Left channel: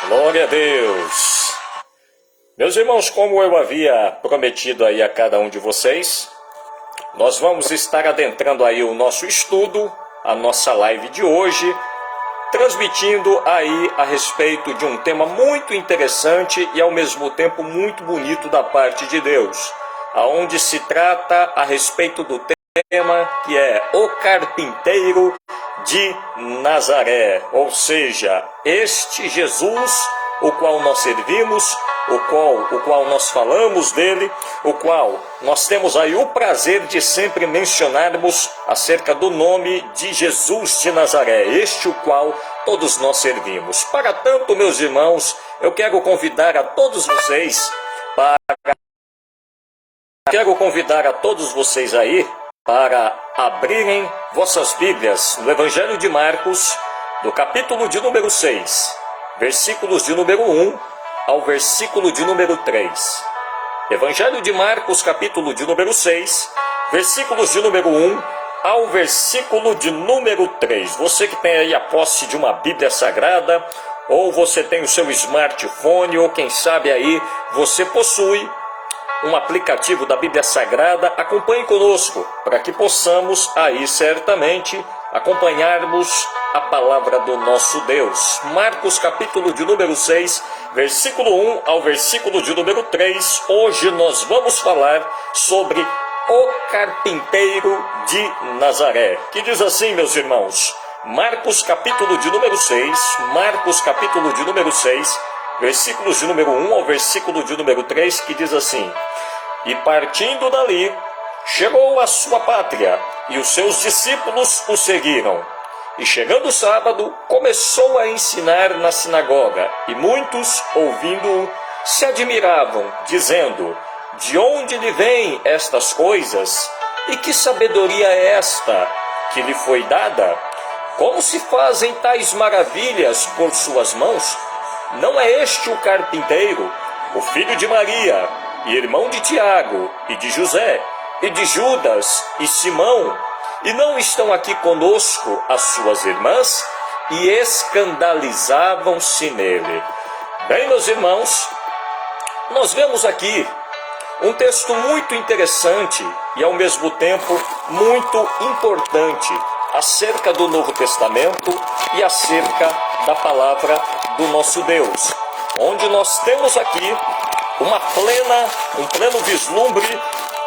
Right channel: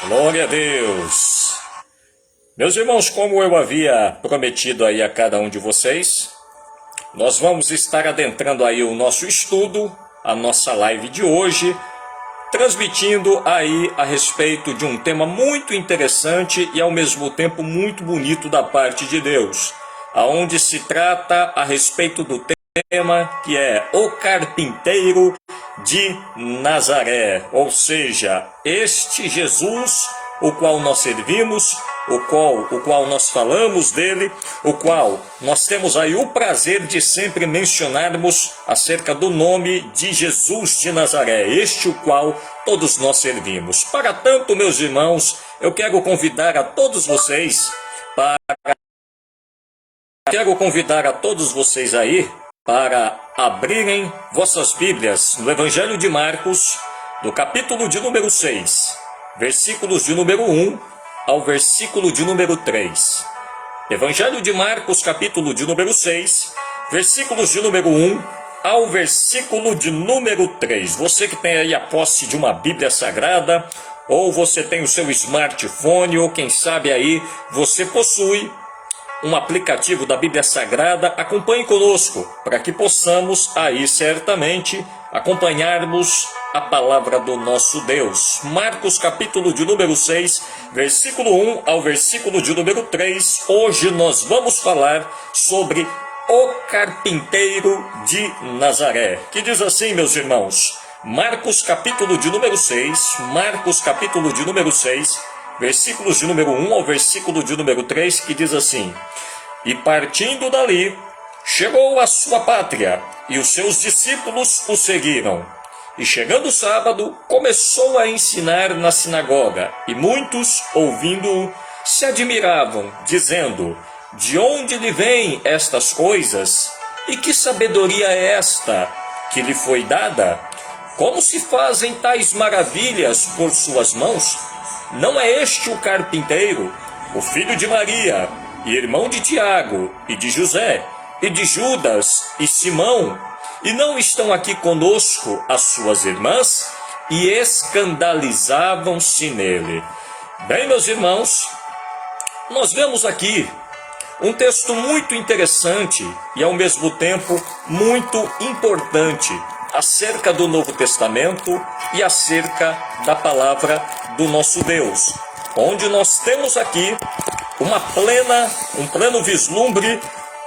Glória a Deus. Meus irmãos, como eu havia prometido aí a cada um de vocês, nós vamos estar adentrando aí o nosso estudo, a nossa live de hoje, transmitindo aí a respeito de um tema muito interessante e ao mesmo tempo muito bonito da parte de Deus, aonde se trata a respeito do tema que é o carpinteiro de Nazaré, ou seja, este Jesus, o qual nós servimos, o qual nós falamos dele, o qual nós temos aí o prazer de sempre mencionarmos acerca do nome de Jesus de Nazaré, este o qual todos nós servimos. Para tanto, meus irmãos, eu quero convidar a todos vocês aí para abrirem vossas Bíblias no Evangelho de Marcos, do capítulo de número 6, versículos de número 1 ao versículo de número 3. Evangelho de Marcos, capítulo de número 6, versículos de número 1 ao versículo de número 3. Você que tem aí a posse de uma Bíblia Sagrada, ou você tem o seu smartphone, ou quem sabe aí você possui um aplicativo da Bíblia Sagrada, acompanhe conosco, para que possamos aí certamente acompanharmos a palavra do nosso Deus. Marcos capítulo de número 6, versículo 1 ao versículo de número 3. Hoje nós vamos falar sobre o carpinteiro de Nazaré, que diz assim, meus irmãos, Marcos capítulo de número 6, Marcos capítulo de número 6, versículos de número 1 ao versículo de número 3, que diz assim: E partindo dali, chegou à sua pátria, e os seus discípulos o seguiram. E chegando o sábado, começou a ensinar na sinagoga, e muitos, ouvindo-o, se admiravam, dizendo: De onde lhe vêm estas coisas? E que sabedoria é esta que lhe foi dada? Como se fazem tais maravilhas por suas mãos? Não é este o carpinteiro, o filho de Maria, e irmão de Tiago, e de José, e de Judas, e Simão? E não estão aqui conosco as suas irmãs? E escandalizavam-se nele. Bem, meus irmãos, nós vemos aqui um texto muito interessante e ao mesmo tempo muito importante acerca do Novo Testamento e acerca da palavra do nosso Deus, onde nós temos aqui um pleno vislumbre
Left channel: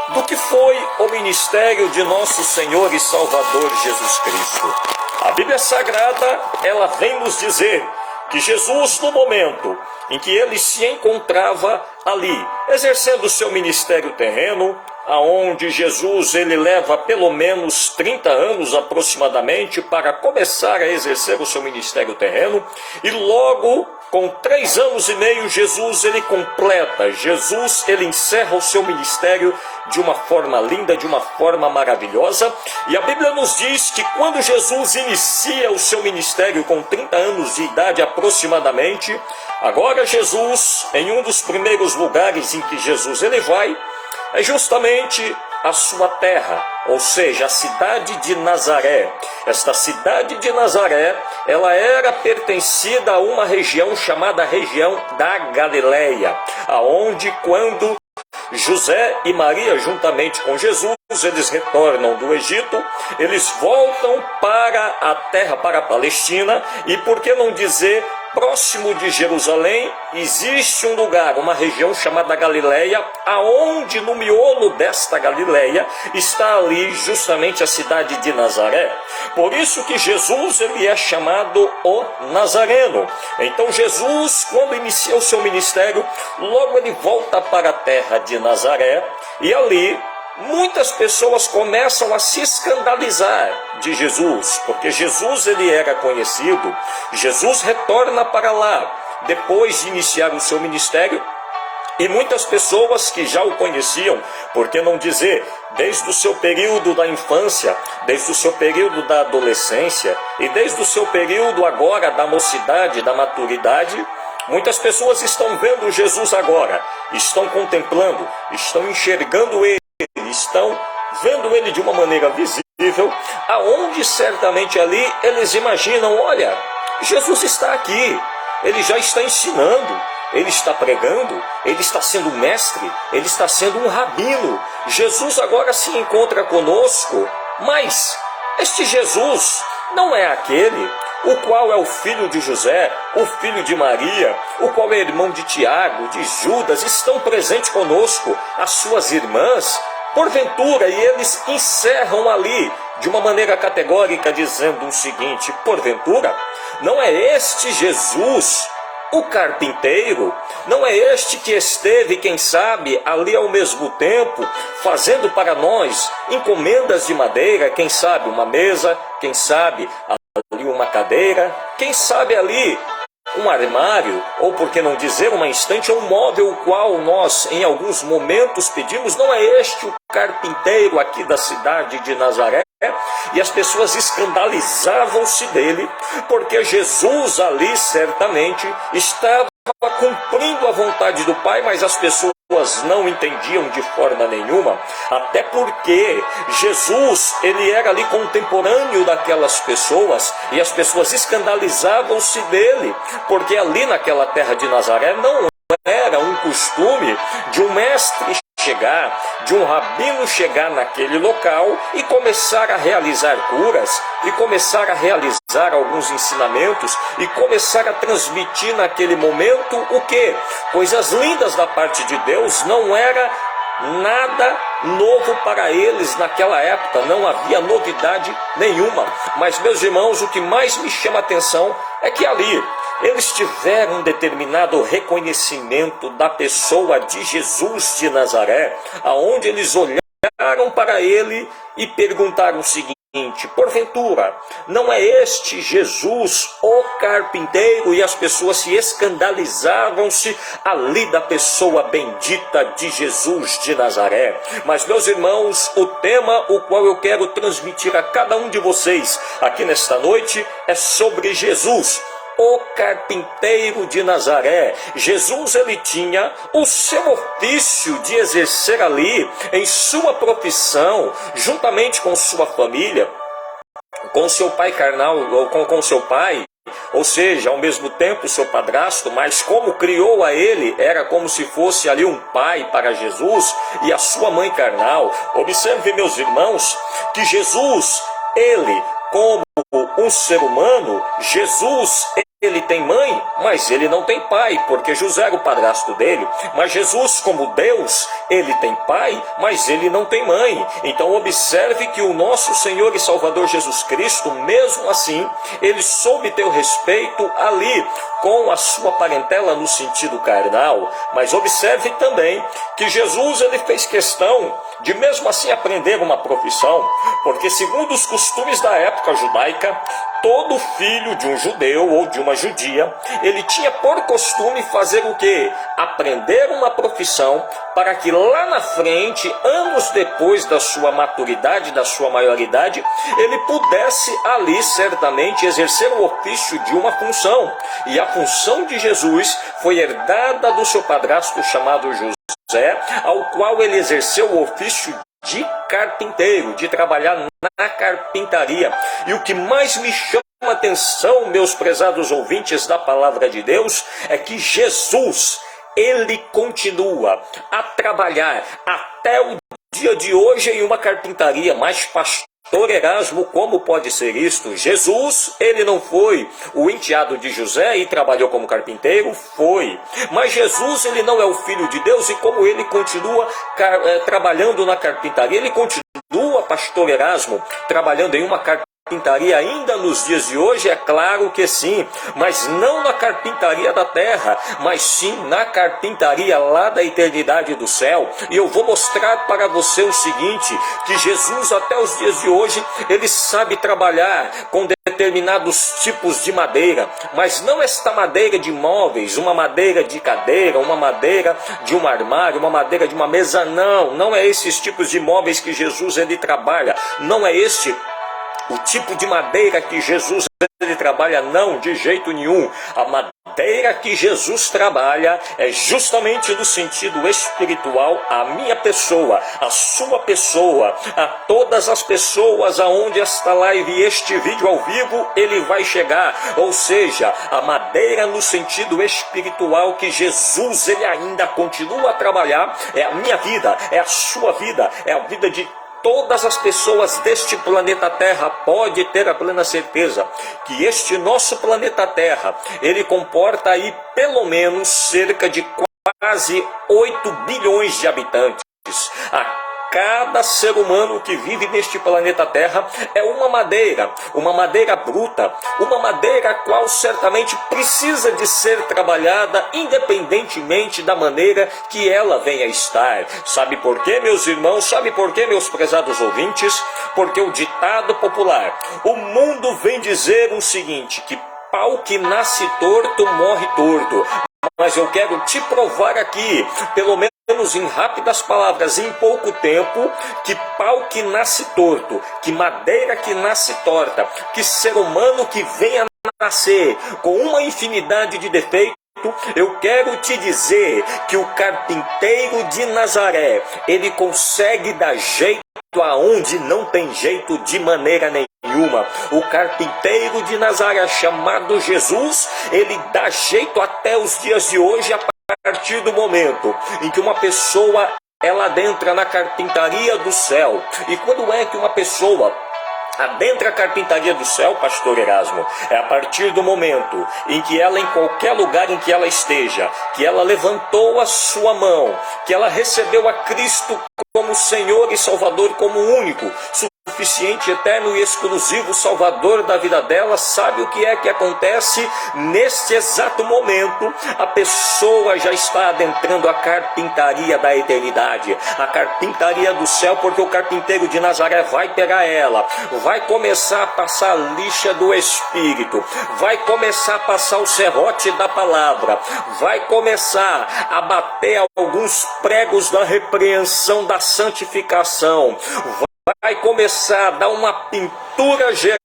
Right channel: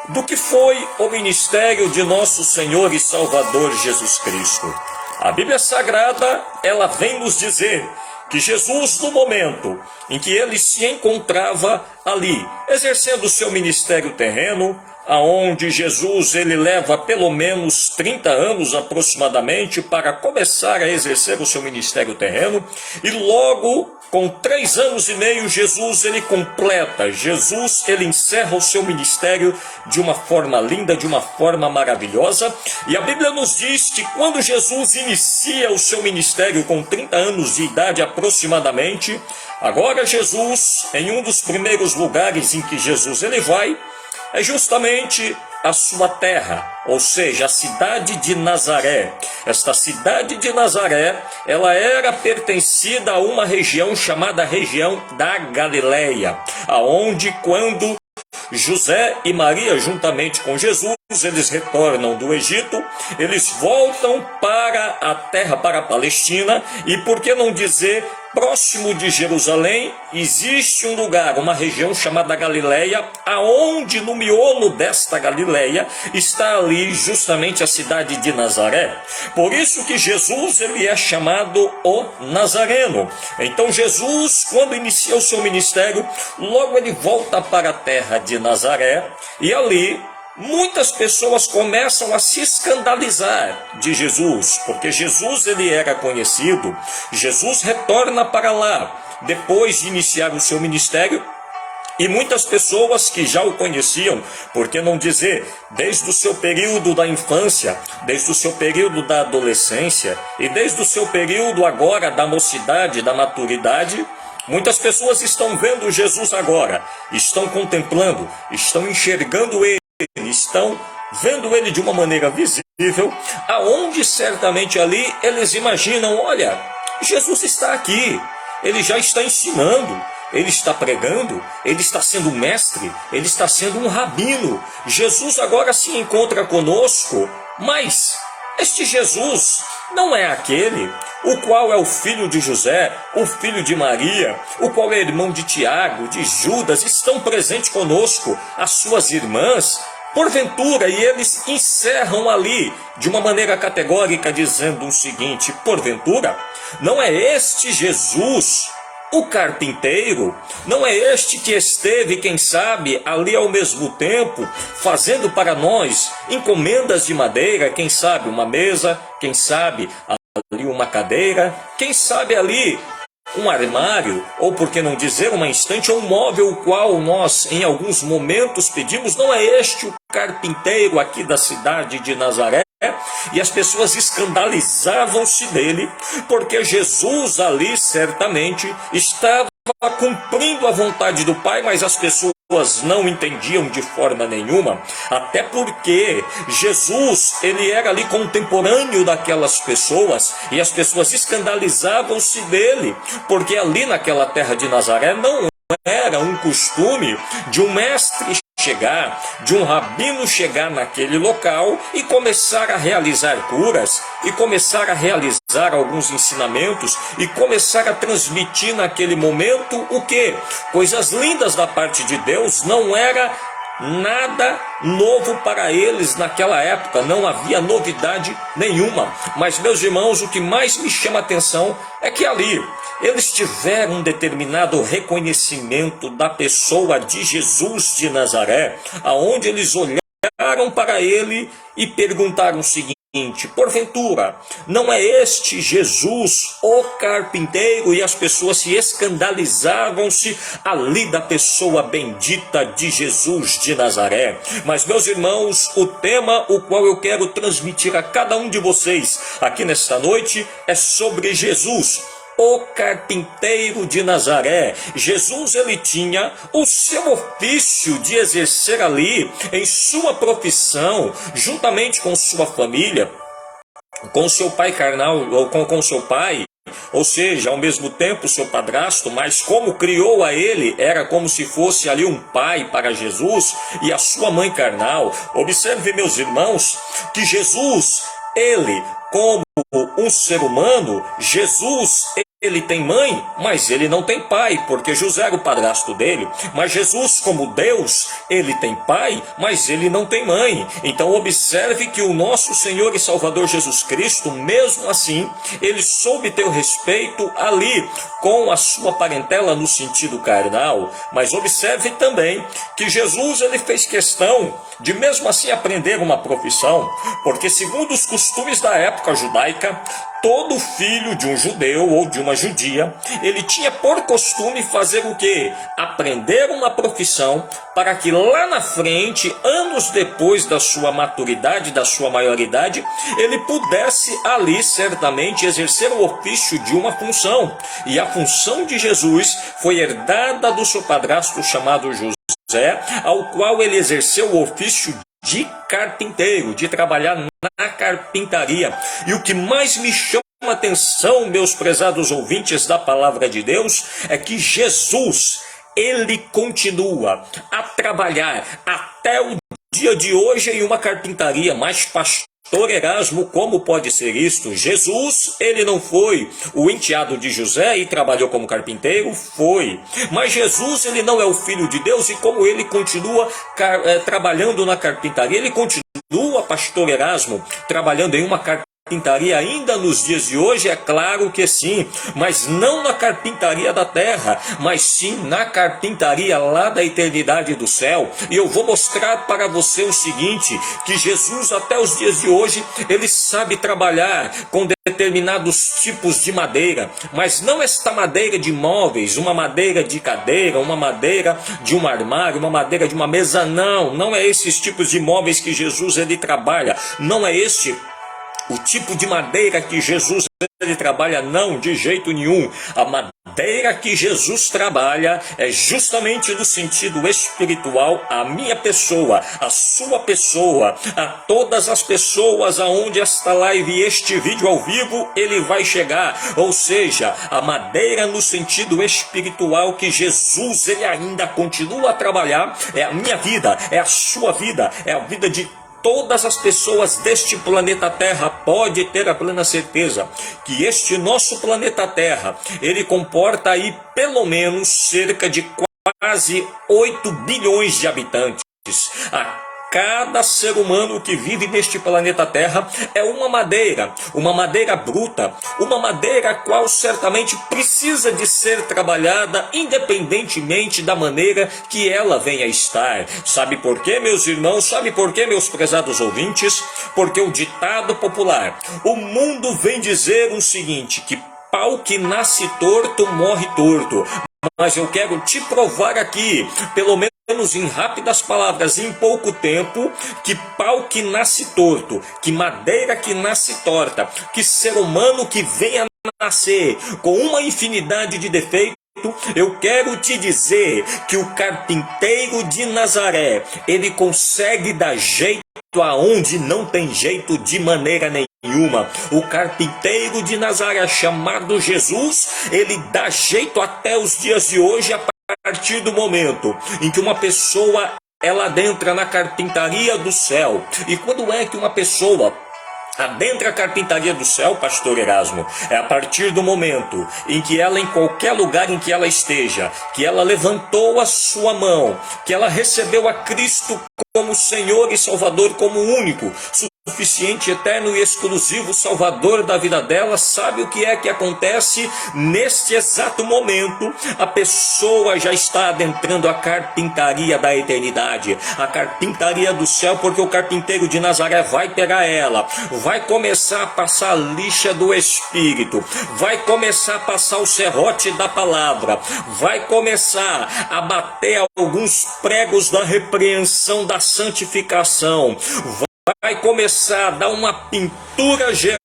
do que foi o ministério de nosso Senhor e Salvador Jesus Cristo. A Bíblia Sagrada, ela vem nos dizer que Jesus, no momento em que ele se encontrava ali, exercendo o seu ministério terreno, aonde Jesus ele leva pelo menos 30 anos aproximadamente para começar a exercer o seu ministério terreno, e logo com 3 anos e meio Jesus ele encerra o seu ministério de uma forma linda, de uma forma maravilhosa. E a Bíblia nos diz que quando Jesus inicia o seu ministério com 30 anos de idade aproximadamente, agora Jesus, em um dos primeiros lugares em que Jesus ele vai, é justamente a sua terra, ou seja, a cidade de Nazaré. Esta cidade de Nazaré, ela era pertencida a uma região chamada região da Galileia, aonde quando José e Maria, juntamente com Jesus, eles retornam do Egito, eles voltam para a terra, para a Palestina, e por que não dizer, próximo de Jerusalém, existe um lugar, uma região chamada Galileia, aonde no miolo desta Galileia está ali justamente a cidade de Nazaré. Por isso que Jesus ele é chamado o Nazareno. Então Jesus, quando inicia o seu ministério, logo ele volta para a terra de Nazaré, e ali muitas pessoas começam a se escandalizar de Jesus, porque Jesus ele era conhecido. Jesus retorna para lá depois de iniciar o seu ministério, e muitas pessoas que já o conheciam, por que não dizer, desde o seu período da infância, desde o seu período da adolescência e desde o seu período agora da mocidade, da maturidade, muitas pessoas estão vendo Jesus agora, estão contemplando, estão enxergando ele, estão vendo ele de uma maneira visível, aonde certamente ali eles imaginam, olha, Jesus está aqui, ele já está ensinando, ele está pregando, ele está sendo mestre, ele está sendo um rabino. Jesus agora se encontra conosco, mas este Jesus não é aquele o qual é o filho de José, o filho de Maria, o qual é irmão de Tiago, de Judas, estão presentes conosco, as suas irmãs, porventura, e eles encerram ali de uma maneira categórica, dizendo o seguinte: porventura, não é este Jesus o carpinteiro? Não é este que esteve, quem sabe, ali ao mesmo tempo, fazendo para nós encomendas de madeira, quem sabe uma mesa, quem sabe ali uma cadeira, quem sabe ali um armário, ou por que não dizer uma estante, ou um móvel, o qual nós em alguns momentos pedimos? Não é este o carpinteiro aqui da cidade de Nazaré? E as pessoas escandalizavam-se dele, porque Jesus ali certamente estava cumprindo a vontade do Pai, mas as pessoas não entendiam de forma nenhuma, até porque Jesus, ele era ali contemporâneo daquelas pessoas, e as pessoas escandalizavam-se dele, porque ali naquela terra de Nazaré não era um costume de um mestre chegar, de um rabino chegar naquele local e começar a realizar curas, e começar a realizar alguns ensinamentos, e começar a transmitir naquele momento o quê? Coisas lindas da parte de Deus. Não era nada novo para eles naquela época, não havia novidade nenhuma. Mas, meus irmãos, o que mais me chama a atenção é que ali eles tiveram um determinado reconhecimento da pessoa de Jesus de Nazaré, aonde eles olharam para ele e perguntaram o seguinte: porventura, não é este Jesus o carpinteiro? E as pessoas se escandalizavam-se ali da pessoa bendita de Jesus de Nazaré. Mas, meus irmãos, o tema o qual eu quero transmitir a cada um de vocês aqui nesta noite é sobre Jesus, o carpinteiro de Nazaré. Jesus, ele tinha o seu ofício de exercer ali em sua profissão, juntamente com sua família, com seu pai carnal, ou com seu pai, ou seja, ao mesmo tempo seu padrasto, mas como criou a ele, era como se fosse ali um pai para Jesus, e a sua mãe carnal. Observe, meus irmãos, que Jesus, ele, como um ser humano, Jesus, ele tem mãe, mas ele não tem pai, porque José era o padrasto dele. Mas Jesus, como Deus, ele tem pai, mas ele não tem mãe. Então observe que o nosso Senhor e Salvador Jesus Cristo, mesmo assim, ele soube ter o respeito ali com a sua parentela no sentido carnal. Mas observe também que Jesus, ele fez questão de mesmo assim aprender uma profissão, porque segundo os costumes da época judaica, todo filho de um judeu ou de uma judia, ele tinha por costume fazer o quê? Aprender uma profissão, para que lá na frente, anos depois da sua maturidade, da sua maioridade, ele pudesse ali certamente exercer o ofício de uma função. E a função de Jesus foi herdada do seu padrasto chamado José, ao qual ele exerceu o ofício de carpinteiro, de trabalhar na carpintaria. E o que mais me chama a atenção, meus prezados ouvintes da palavra de Deus, é que Jesus, ele continua a trabalhar até o dia de hoje em uma carpintaria. Mas pastor Erasmo, como pode ser isto? Jesus, ele não foi o enteado de José e trabalhou como carpinteiro? Foi. Mas Jesus, ele não é o filho de Deus, e como ele continua trabalhando na carpintaria, ele continua, pastor Erasmo, trabalhando em uma carpintaria ainda nos dias de hoje? É claro que sim, mas não na carpintaria da terra, mas sim na carpintaria lá da eternidade do céu. E eu vou mostrar para você o seguinte, que Jesus até os dias de hoje, ele sabe trabalhar com determinados tipos de madeira, mas não esta madeira de móveis, uma madeira de cadeira, uma madeira de um armário, uma madeira de uma mesa. Não é esses tipos de móveis que Jesus, ele trabalha, não é este O tipo de madeira que Jesus ele trabalha, não, de jeito nenhum. A madeira que Jesus trabalha é justamente no sentido espiritual a minha pessoa, a sua pessoa, a todas as pessoas aonde esta live e este vídeo ao vivo ele vai chegar. Ou seja, a madeira no sentido espiritual que Jesus ele ainda continua a trabalhar é a minha vida, é a sua vida, é a vida de todas as pessoas deste planeta Terra. Pode ter a plena certeza que este nosso planeta Terra, ele comporta aí pelo menos cerca de quase 8 bilhões de habitantes. Cada ser humano que vive neste planeta Terra é uma madeira bruta, uma madeira qual certamente precisa de ser trabalhada independentemente da maneira que ela venha a estar. Sabe por quê, meus irmãos? Sabe por quê, meus prezados ouvintes? Porque o ditado popular, o mundo vem dizer o seguinte, que pau que nasce torto morre torto. Mas eu quero te provar aqui, pelo menos em rápidas palavras, em pouco tempo, que pau que nasce torto, que madeira que nasce torta, que ser humano que venha nascer com uma infinidade de defeitos, eu quero te dizer que o carpinteiro de Nazaré, ele consegue dar jeito aonde não tem jeito de maneira nenhuma. O carpinteiro de Nazaré, chamado Jesus, ele dá jeito até os dias de hoje, a partir do momento em que uma pessoa ela adentra na carpintaria do céu. E quando é que uma pessoa adentra a carpintaria do céu, pastor Erasmo? É a partir do momento em que ela, em qualquer lugar em que ela esteja, que ela levantou a sua mão, que ela recebeu a Cristo como Senhor e Salvador, como único, suficiente, eterno e exclusivo Salvador da vida dela. Sabe o que é que acontece? Neste exato momento, a pessoa já está adentrando a carpintaria da eternidade, a carpintaria do céu, porque o carpinteiro de Nazaré vai pegar ela, vai começar a passar a lixa do Espírito, vai começar a passar o serrote da palavra, vai começar a bater alguns pregos da repreensão da santificação, vai começar a dar uma pintura geral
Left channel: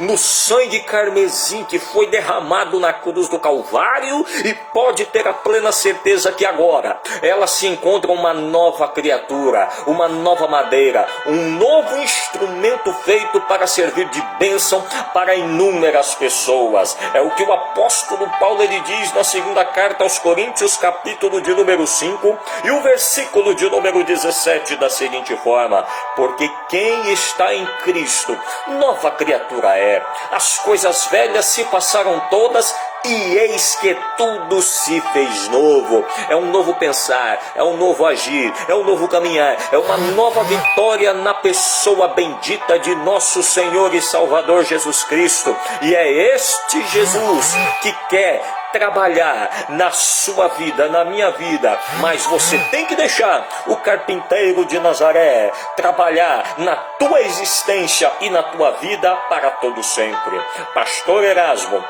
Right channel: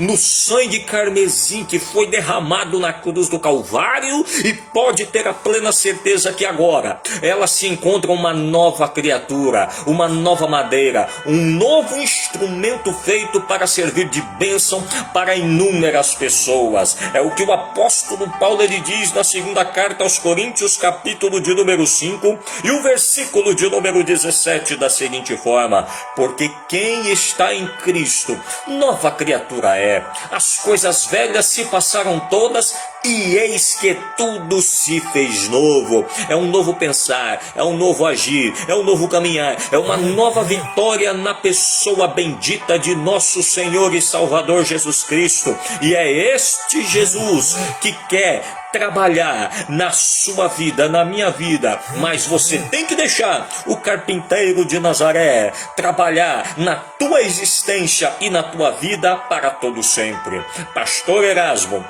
no sangue carmesim que foi derramado na cruz do Calvário, e pode ter a plena certeza que agora ela se encontra uma nova criatura, uma nova madeira, um novo instrumento feito para servir de bênção para inúmeras pessoas. É o que o apóstolo Paulo ele diz na segunda carta aos Coríntios, capítulo de número 5 e o versículo de número 17, da seguinte forma: porque quem está em Cristo, nova criatura é. As coisas velhas se passaram todas, e eis que tudo se fez novo. É um novo pensar, é um novo agir, é um novo caminhar, é uma nova vitória na pessoa bendita de nosso Senhor e Salvador Jesus Cristo. E é este Jesus que quer trabalhar na sua vida, na minha vida, mas você tem que deixar o carpinteiro de Nazaré trabalhar na tua existência e na tua vida para todo sempre. Pastor Erasmo,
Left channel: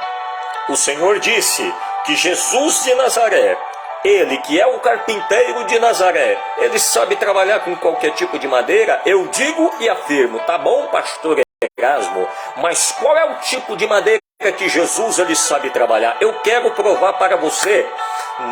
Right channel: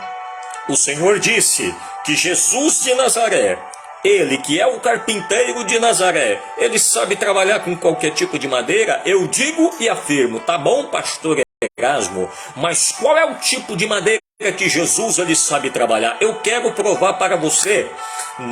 o Senhor disse que Jesus de Nazaré, ele que é o carpinteiro de Nazaré, ele sabe trabalhar com qualquer tipo de madeira. Eu digo e afirmo, tá bom, pastor Erasmo, mas qual é o tipo de madeira que Jesus ele sabe trabalhar? Eu quero provar para você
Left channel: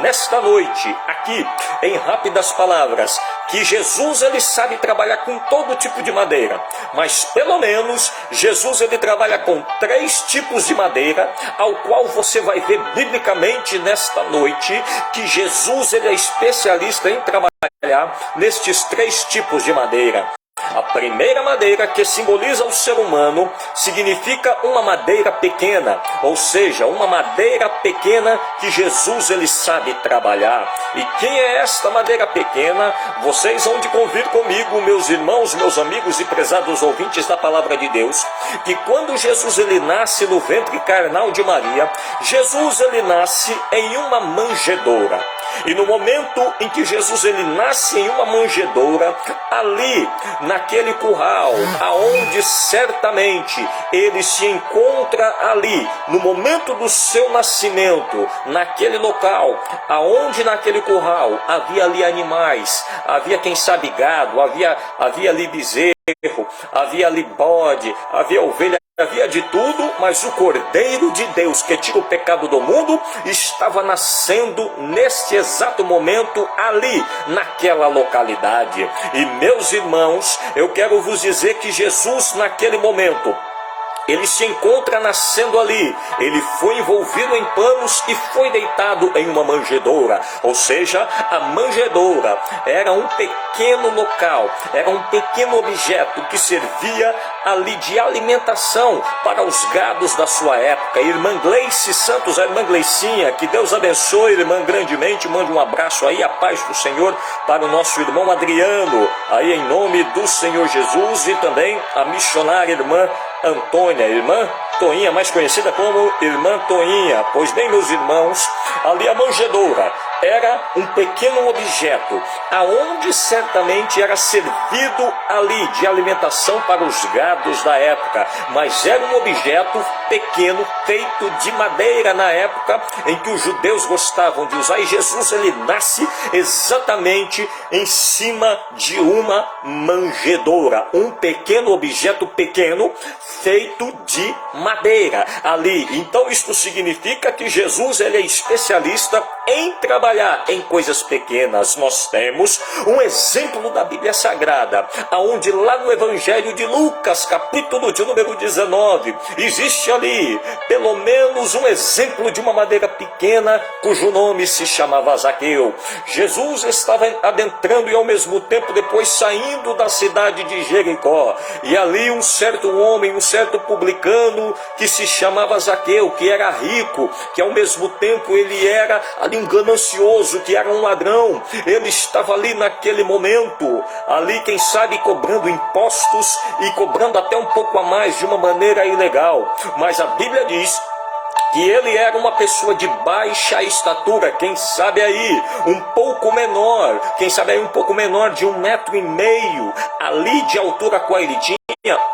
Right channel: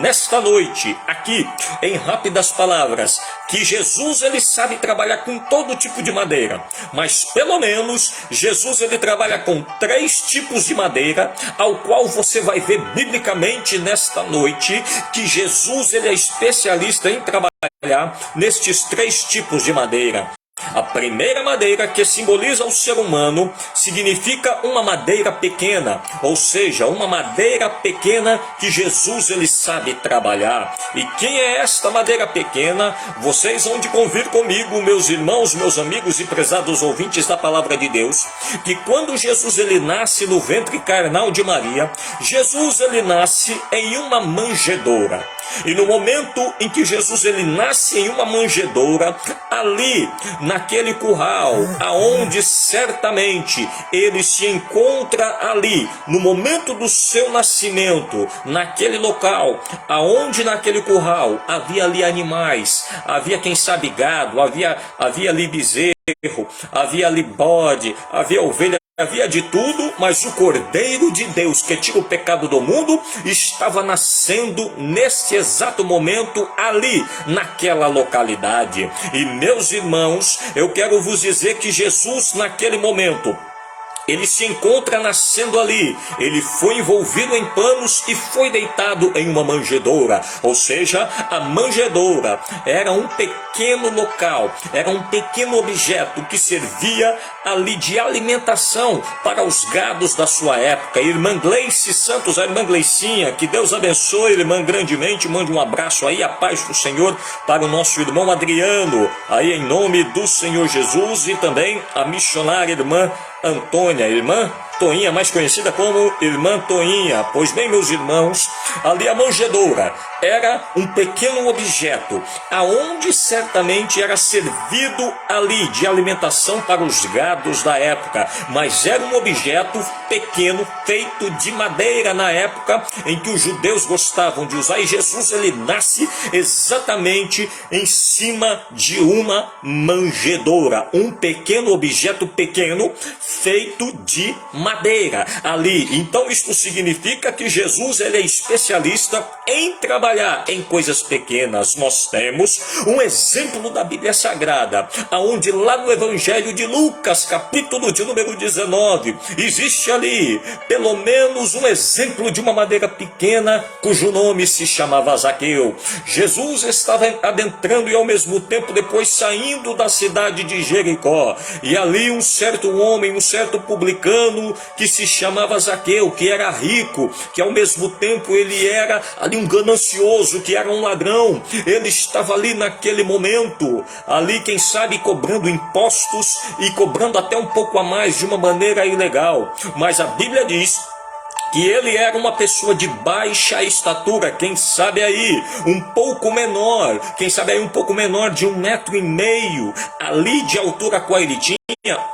nesta noite, aqui, em rápidas palavras, que Jesus ele sabe trabalhar com todo tipo de madeira, mas pelo menos Jesus ele trabalha com 3 tipos de madeira, ao qual você vai ver biblicamente nesta noite que Jesus ele é especialista em trabalhar nestes 3 tipos de madeira. A primeira madeira, que simboliza o ser humano, significa uma madeira pequena, ou seja, uma madeira pequena que Jesus ele sabe trabalhar. E quem é esta madeira pequena? Vocês vão de convir comigo, meus irmãos, meus amigos e prezados ouvintes da palavra de Deus, que quando Jesus ele nasce no ventre carnal de Maria, Jesus ele nasce em uma manjedoura. E no momento em que Jesus ele nasce em uma manjedoura, ali naquele curral, aonde certamente ele se encontra ali, no momento do seu nascimento, naquele local, aonde naquele curral havia ali animais, havia quem sabe gado, havia ali bezerro, havia ali bode, havia ovelha, havia de tudo, mas o Cordeiro de Deus que tira o pecado do mundo estava nascendo neste exato momento ali, naquela localidade. E meus irmãos, eu quero vos dizer que Jesus naquele momento, ele se encontra nascendo ali, ele foi envolvido em panos e foi deitado em uma manjedoura, ou seja, a manjedoura era um pequeno local, era um pequeno objeto que servia ali de alimentação para os gados da sua época. Irmã Gleice Santos, a irmã Gleicinha, que Deus abençoe, irmã, grandemente, mande um abraço aí, a paz do Senhor para o nosso irmão Adriano, aí em nome do Senhor Jesus, e também a missionária irmã Antônia, irmã Toinha, mais conhecida como irmã Toinha. Pois bem, meus irmãos, ali a manjedoura era um pequeno objeto, aonde certamente era servido ali de alimentação para os gados da época, mas era um objeto pequeno, feito de madeira na época em que os judeus gostavam de usar, e Jesus ele nasce exatamente em cima de uma manjedoura, um pequeno objeto pequeno, feito de madeira ali. Então isto significa que Jesus ele é especialista em trabalhar em coisas pequenas. Nós temos um exemplo da Bíblia Sagrada, aonde lá no Evangelho de Lucas, capítulo de número 19, existe ali pelo menos um exemplo de uma madeira pequena, cujo nome se chamava Zaqueu. Jesus estava adentrando e ao mesmo tempo depois saindo da cidade de Jericó, e ali um certo homem, um certo publicano que se chamava Zaqueu, que era rico, que ao mesmo tempo ele era ali um ganancioso, que era um ladrão. Ele estava ali naquele momento, ali quem sabe cobrando impostos e cobrando até um pouco a mais de uma maneira ilegal, mas a Bíblia diz que ele era uma pessoa de baixa estatura, quem sabe aí um pouco menor, quem sabe aí um pouco menor de 1,5 m ali de altura qual ele tinha,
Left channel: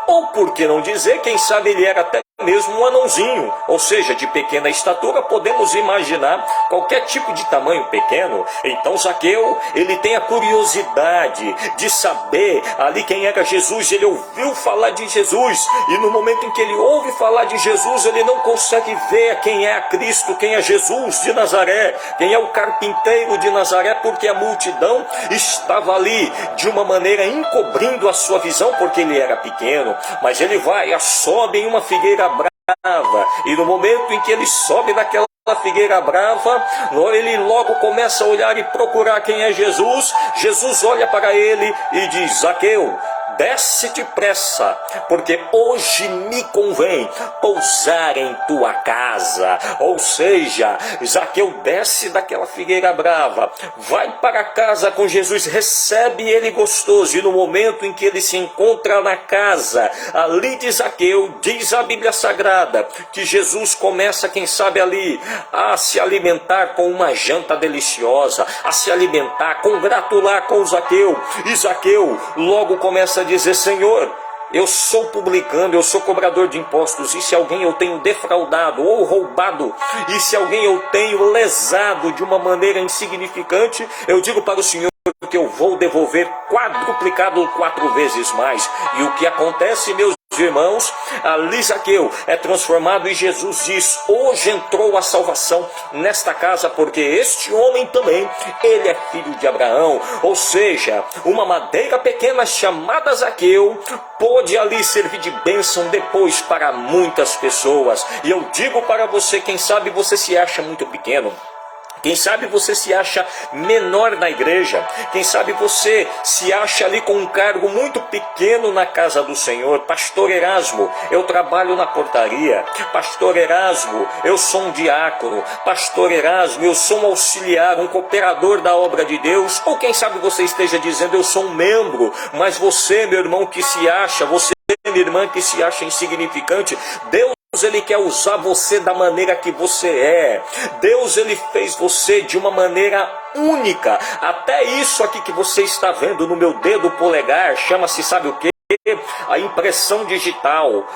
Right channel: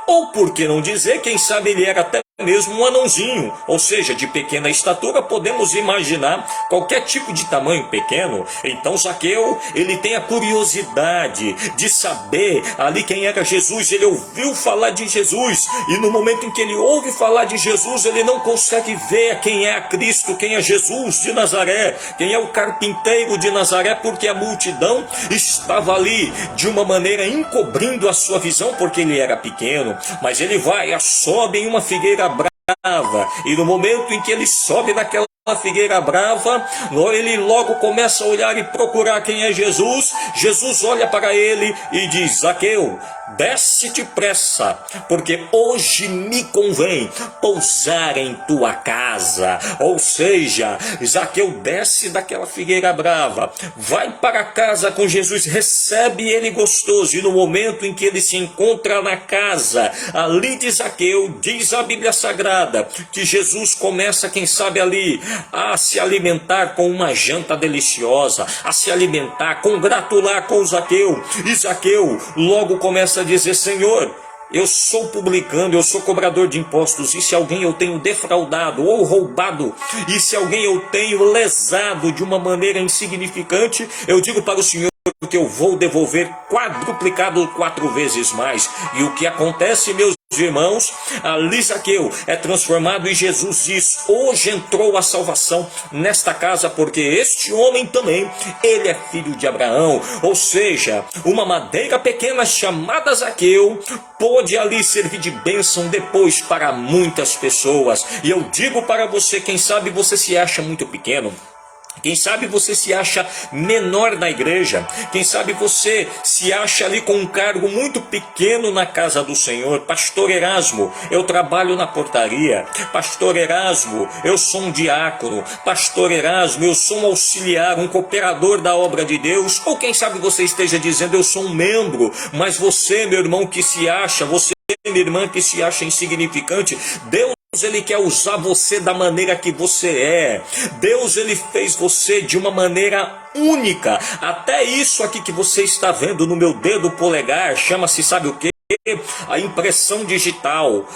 ou por que não dizer, quem sabe ele era até mesmo um anãozinho, ou seja, de pequena estatura. Podemos imaginar qualquer tipo de tamanho pequeno. Então Zaqueu, ele tem a curiosidade de saber ali quem era Jesus. Ele ouviu falar de Jesus, e no momento em que ele ouve falar de Jesus, ele não consegue ver quem é a Cristo, quem é Jesus de Nazaré, quem é o carpinteiro de Nazaré, porque a multidão estava ali de uma maneira encobrindo a sua visão, porque ele era pequeno. Mas ele vai, sobe em uma figueira brava, e no momento em que ele sobe naquela figueira brava, ele logo começa a olhar e procurar quem é Jesus. Jesus olha para ele e diz: Zaqueu, desce depressa, porque hoje me convém pousar em tua casa. Ou seja, Zaqueu desce daquela figueira brava, vai para casa com Jesus, recebe ele gostoso, e no momento em que ele se encontra na casa ali de Zaqueu, diz a Bíblia Sagrada que Jesus começa, quem sabe ali, a se alimentar com uma janta deliciosa, a se alimentar, congratular com Zaqueu. E Zaqueu logo começa a dizer: Senhor, eu sou publicano, eu sou cobrador de impostos, e se alguém eu tenho defraudado ou roubado, e se alguém eu tenho lesado de uma maneira insignificante, eu digo para o Senhor que eu vou devolver quadruplicado 4 vezes mais. E o que acontece, meus irmãos, ali Zaqueu é transformado, e Jesus diz: hoje entrou a salvação nesta casa, porque este homem também, ele é filho de Abraão. Ou seja, uma madeira pequena chamada Zaqueu pôde ali servir de bênção depois para muitas pessoas. E eu digo para você, quem sabe você se acha muito pequeno, quem sabe você se acha menor na igreja, quem sabe você se acha ali com um cargo muito pequeno na casa do Senhor. Pastor Erasmo, eu trabalho na portaria. Pastor Erasmo, eu sou um diácono. Pastor Erasmo, eu sou um auxiliar, um cooperador da obra de Deus. Ou quem sabe você esteja dizendo: eu sou um membro. Mas você, meu irmão, que se acha, você, minha irmã, que se acha insignificante, Deus Ele quer usar você da maneira que você é. Deus, ele fez você de uma maneira única. Até isso aqui que você está vendo no meu dedo polegar, chama-se, sabe o quê? A impressão digital.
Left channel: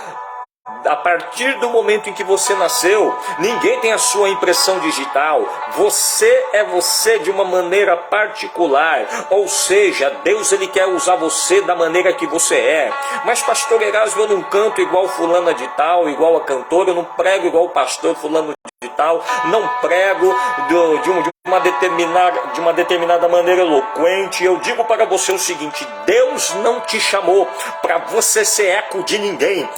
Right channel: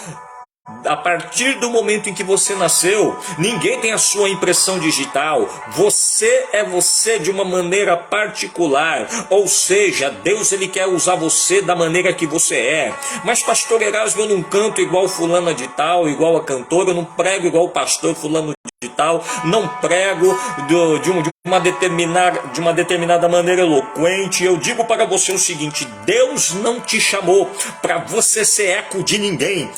A partir do momento em que você nasceu, ninguém tem a sua impressão digital. Você é você de uma maneira particular. Ou seja, Deus, ele quer usar você da maneira que você é. Mas pastor Erasmo, eu não canto igual fulana de tal, igual a cantora, eu não prego igual o pastor fulano de tal, não prego de uma determinada maneira eloquente. Eu digo para você o seguinte: Deus não te chamou para você ser eco de ninguém.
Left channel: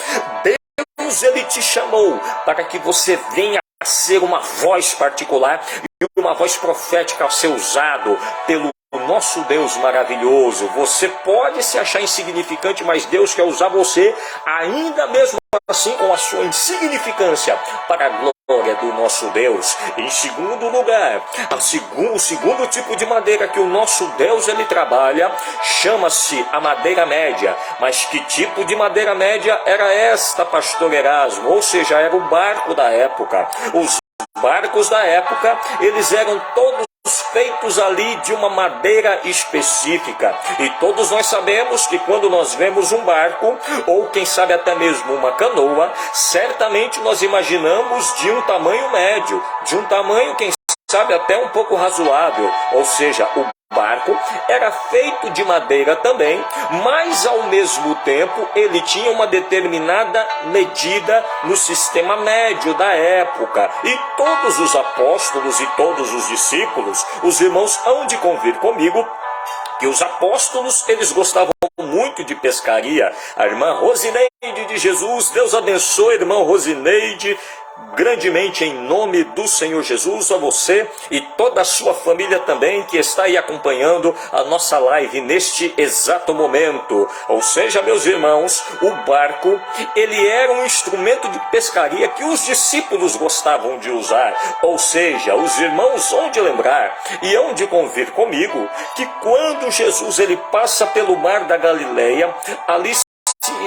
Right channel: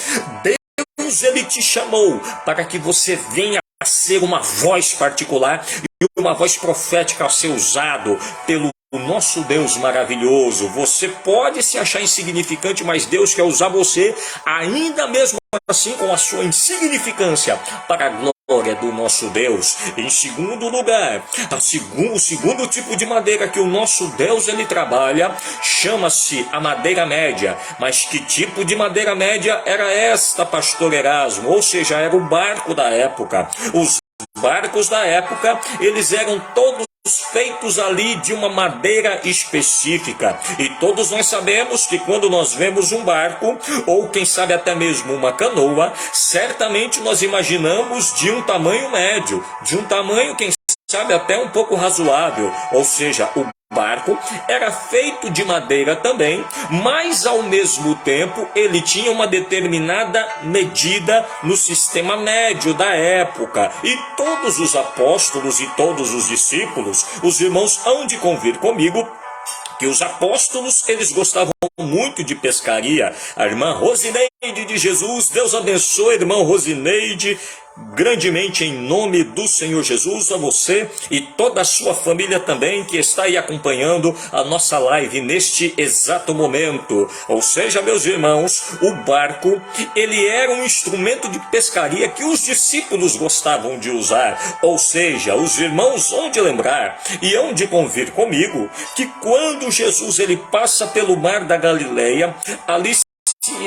Deus, ele te chamou para que você venha a ser uma voz particular e uma voz profética a ser usado pelo nosso Deus maravilhoso. Você pode se achar insignificante, mas Deus quer usar você ainda mesmo assim com a sua insignificância para a glória do nosso Deus. Em segundo lugar, o segundo tipo de madeira que o nosso Deus ele trabalha chama-se a madeira média. Mas que tipo de madeira média era esta, pastor Erasmo? Ou seja, era o barco da época. Os barcos da época, eles eram todos feitos ali de uma madeira específica. E todos nós sabemos que quando nós vemos um barco, ou quem sabe até mesmo uma canoa, certamente nós imaginamos de um tamanho médio, de um tamanho, quem sabe, até um pouco razoável. Ou seja, o barco era feito de madeira também, mas ao mesmo tempo ele tinha uma determinada medida no sistema médio da época. E todos os apóstolos e todos os discípulos, os irmãos hão de convir comigo, que os apóstolos, eles gostavam muito de pescaria. A irmã Rosineide de Jesus, Deus abençoe, irmã Rosineide, grandemente em nome do Senhor Jesus, a você e toda a sua família também que está aí acompanhando a nossa live neste exato momento. Ou seja, meus irmãos, o barco, ele era um instrumento de pescaria que os discípulos gostavam de usar. Ou seja, os irmãos hão de lembrar e hão de convir comigo que quando Jesus ele passa pelo mar da Galileia, ali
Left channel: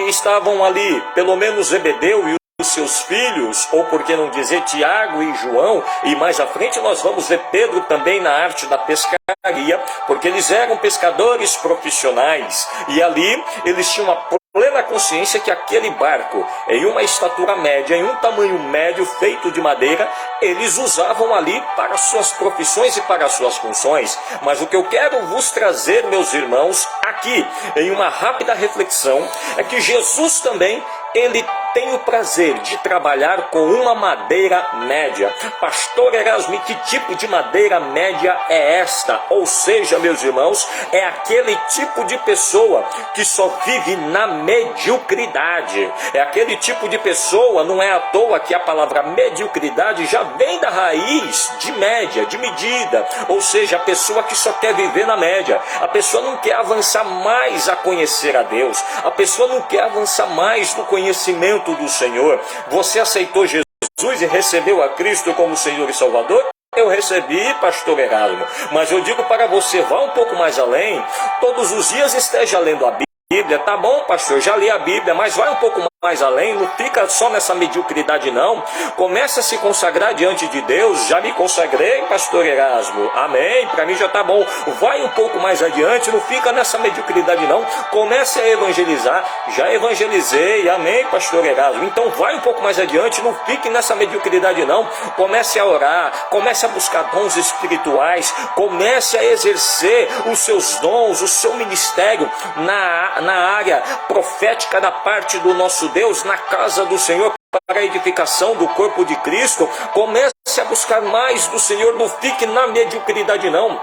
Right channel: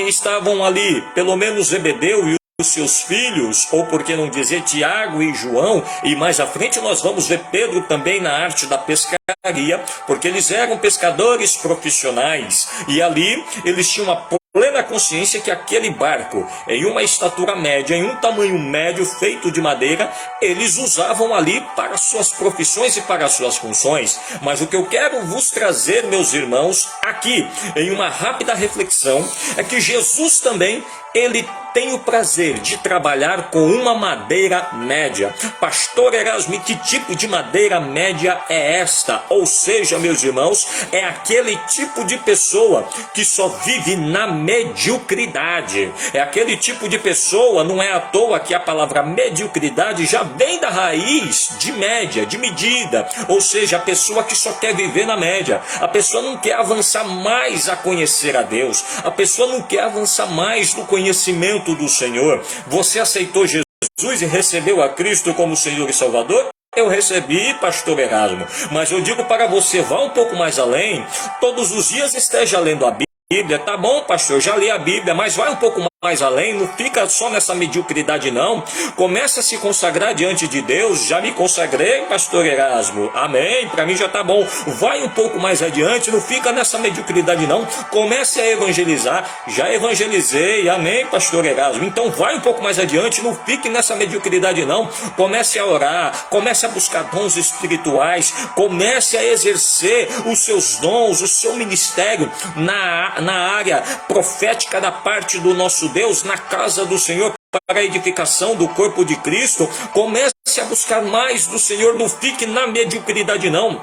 estavam ali, pelo menos Zebedeu e os seus filhos, ou por que não dizer Tiago e João, e mais à frente nós vamos ver Pedro também na arte da pescaria, porque eles eram pescadores profissionais, e ali eles tinham uma plena consciência que aquele barco, em uma estatura média, em um tamanho médio, feito de madeira, eles usavam ali para suas profissões e para suas funções. Mas o que eu quero vos trazer, meus irmãos, aqui, em uma rápida reflexão, é que Jesus também, ele tem o prazer de trabalhar com uma madeira média. Pastor Erasmo, que tipo de madeira média é esta? Ou seja, meus irmãos, é aquele tipo de pessoa que só vive na mediocridade. É aquele tipo de pessoa, não é à toa que a palavra mediocridade já vem da raiz de média, de medida. Ou seja, a pessoa que só quer viver na média. A pessoa não quer avançar mais a conhecer a Deus. A pessoa não quer avançar mais no conhecimento do Senhor. Você aceitou Jesus e recebeu a Cristo como Senhor e Salvador? Eu recebi, pastor Erasmo, mas eu digo para você, vá um pouco mais além. Todos os dias esteja lendo a Bíblia. Tá bom, pastor, já li a Bíblia, mas vai um pouco mais além, não fica só nessa mediocridade não. Começa a se consagrar diante de Deus. Já me consagrei, pastor Erasmo, amém, para mim já tá bom. Vai um pouco mais adiante, não fica nessa mediocridade não. Comece a evangelizar. Já evangelizei, amém, pastor Erasmo. Então vai um pouco mais adiante, não fique nessa mediocridade não. Comece a orar, comece a buscar dons espirituais, comece a exercer os seus dons, o seu ministério na área profética da parte do nosso Deus, na casa do Senhor, para a edificação do corpo de Cristo. Comece a buscar mais do Senhor, não fique na mediocridade não,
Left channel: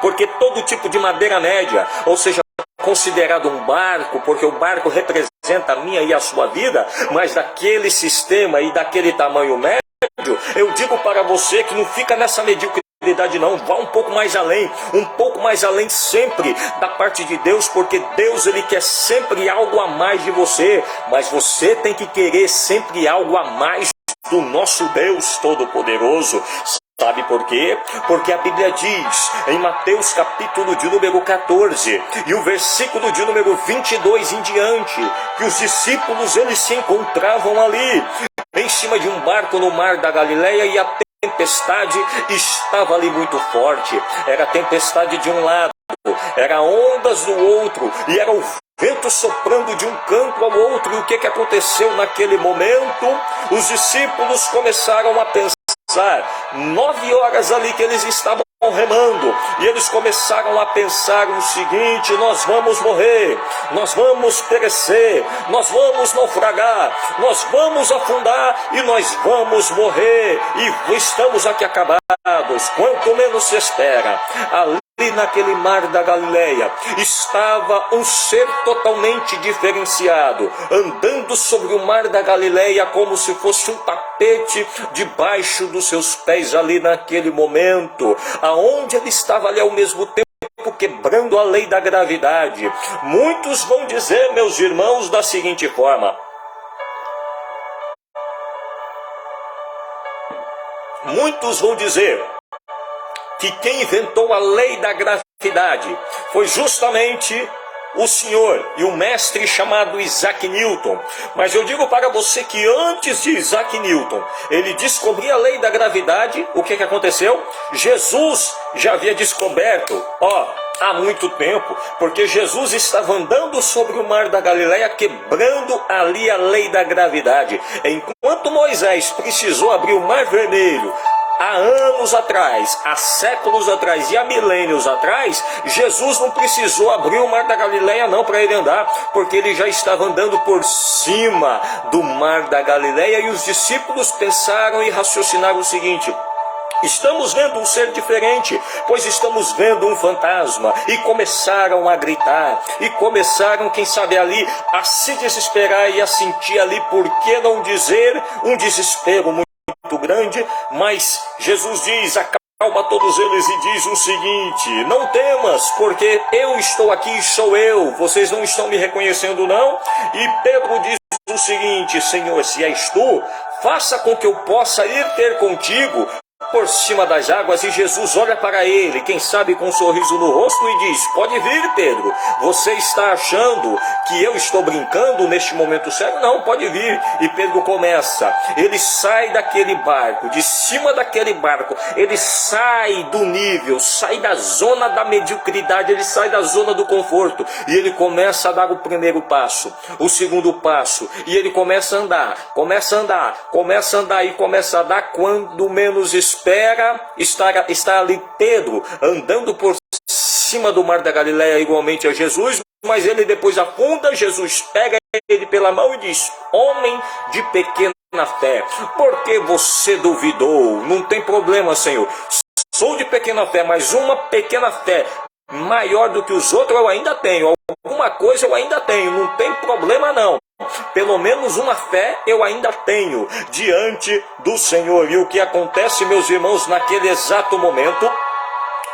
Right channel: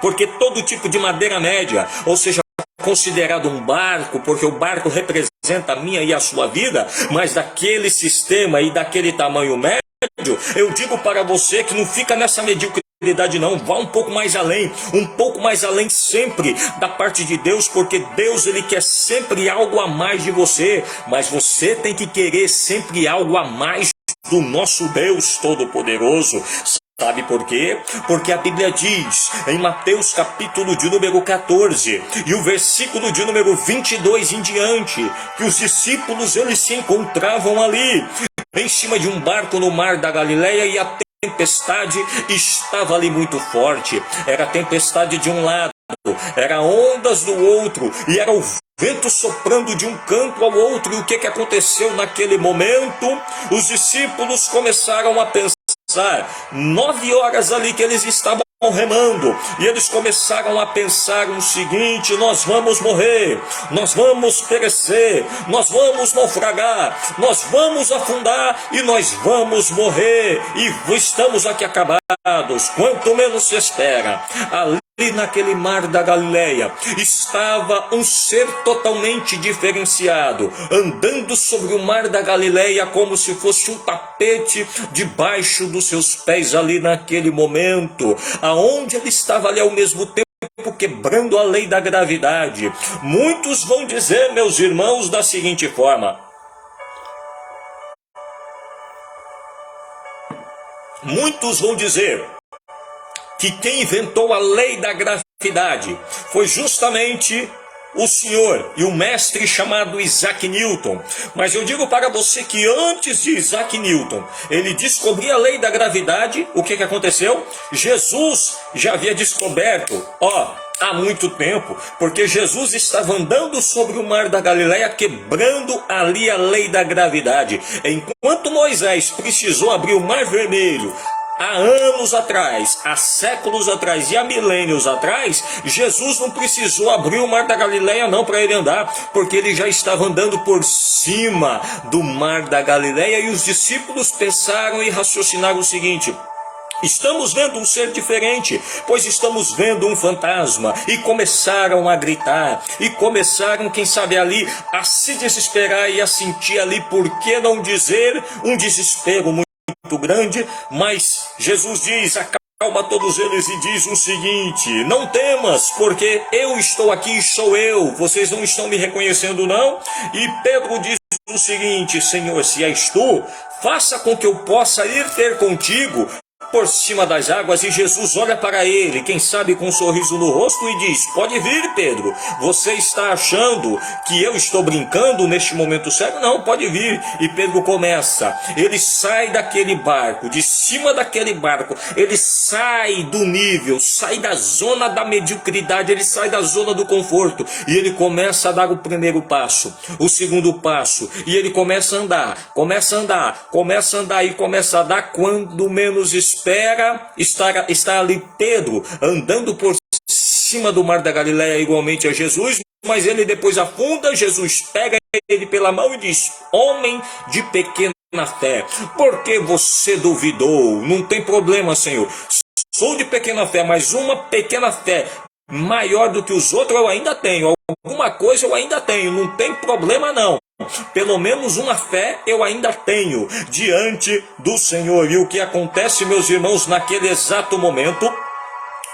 porque todo tipo de madeira média, ou seja, considerado um barco, porque o barco representa a minha e a sua vida, mas daquele sistema e daquele tamanho médio, eu digo para você que não fica nessa mediocridade não, vá um pouco mais além sempre da parte de Deus, porque Deus ele quer sempre algo a mais de você, mas você tem que querer sempre algo a mais do nosso Deus Todo-Poderoso. Sabe por quê? Porque a Bíblia diz em Mateus capítulo de número 14 e o versículo de número 22 em diante, que os discípulos eles se encontravam ali em cima de um barco no mar da Galileia, e a tempestade estava ali muito forte. Era tempestade de um lado, era ondas do outro, e era o vento soprando de um canto ao outro. E o que aconteceu naquele momento? Os discípulos começaram a pensar, 9 horas ali que eles estavam remando, e eles começaram a pensar o seguinte: nós vamos morrer, nós vamos perecer, nós vamos naufragar, nós vamos afundar e nós vamos morrer, e estamos aqui acabados. Quanto menos se espera, ali naquele mar da Galileia estava um ser totalmente diferenciado, andando sobre o mar da Galileia como se fosse um tapete debaixo dos seus pés ali naquele momento, aonde ele estava ali ao mesmo tempo quebrando a lei da gravidade. Muitos vão dizer, meus irmãos, da seguinte forma: muitos vão dizer que quem inventou a lei da gravidade foi justamente o senhor e o mestre chamado Isaac Newton. Mas eu digo para você que antes de Isaac Newton ele descobrir a lei da gravidade, o que aconteceu? Jesus já havia descoberto, há muito tempo, porque Jesus estava andando sobre o mar da Galileia, quebrando ali a lei da gravidade. Enquanto Moisés precisou abrir o mar vermelho há anos atrás, há séculos atrás e há milênios atrás, Jesus não precisou abrir o mar da Galileia não para ele andar, porque ele já estava andando por cima do mar da Galileia. E os discípulos pensaram e raciocinaram o seguinte: estamos vendo um ser diferente, pois estamos vendo um fantasma. E começaram a gritar, e começaram, quem sabe ali, a se desesperar e a sentir ali, por que não dizer, um desespero muito grande. Mas Jesus diz: acalma todos eles e diz o seguinte: não temas, porque eu estou aqui e sou eu. Vocês não estão me reconhecendo, não? E Pedro diz o seguinte: Senhor, se és tu, faça com que eu possa ir ter contigo por cima das águas. E Jesus olha para ele, quem sabe com um sorriso no rosto, e diz: pode vir, Pedro. Você está achando que eu estou brincando neste momento sério? Não, pode vir. E Pedro começa, ele sai daquele barco, de cima daquele barco, ele sai do nível, sai da zona da mediocridade, ele sai da zona do conforto, e ele começa a dar o primeiro passo, o segundo passo, e ele começa a andar, começa a andar, e começa a dar. Quando menos espera, está ali Pedro andando por cima do mar da Galileia igualmente a Jesus, mas ele depois afunda. Jesus pega ele pela mão e diz: homem de pequena fé, por que você duvidou? Não tem problema, Senhor, sou de pequena fé, mas uma pequena fé maior do que os outros eu ainda tenho, alguma coisa eu ainda tenho, não tem problema não. Pelo menos uma fé eu ainda tenho diante do Senhor. E o que acontece, meus irmãos, naquele exato momento?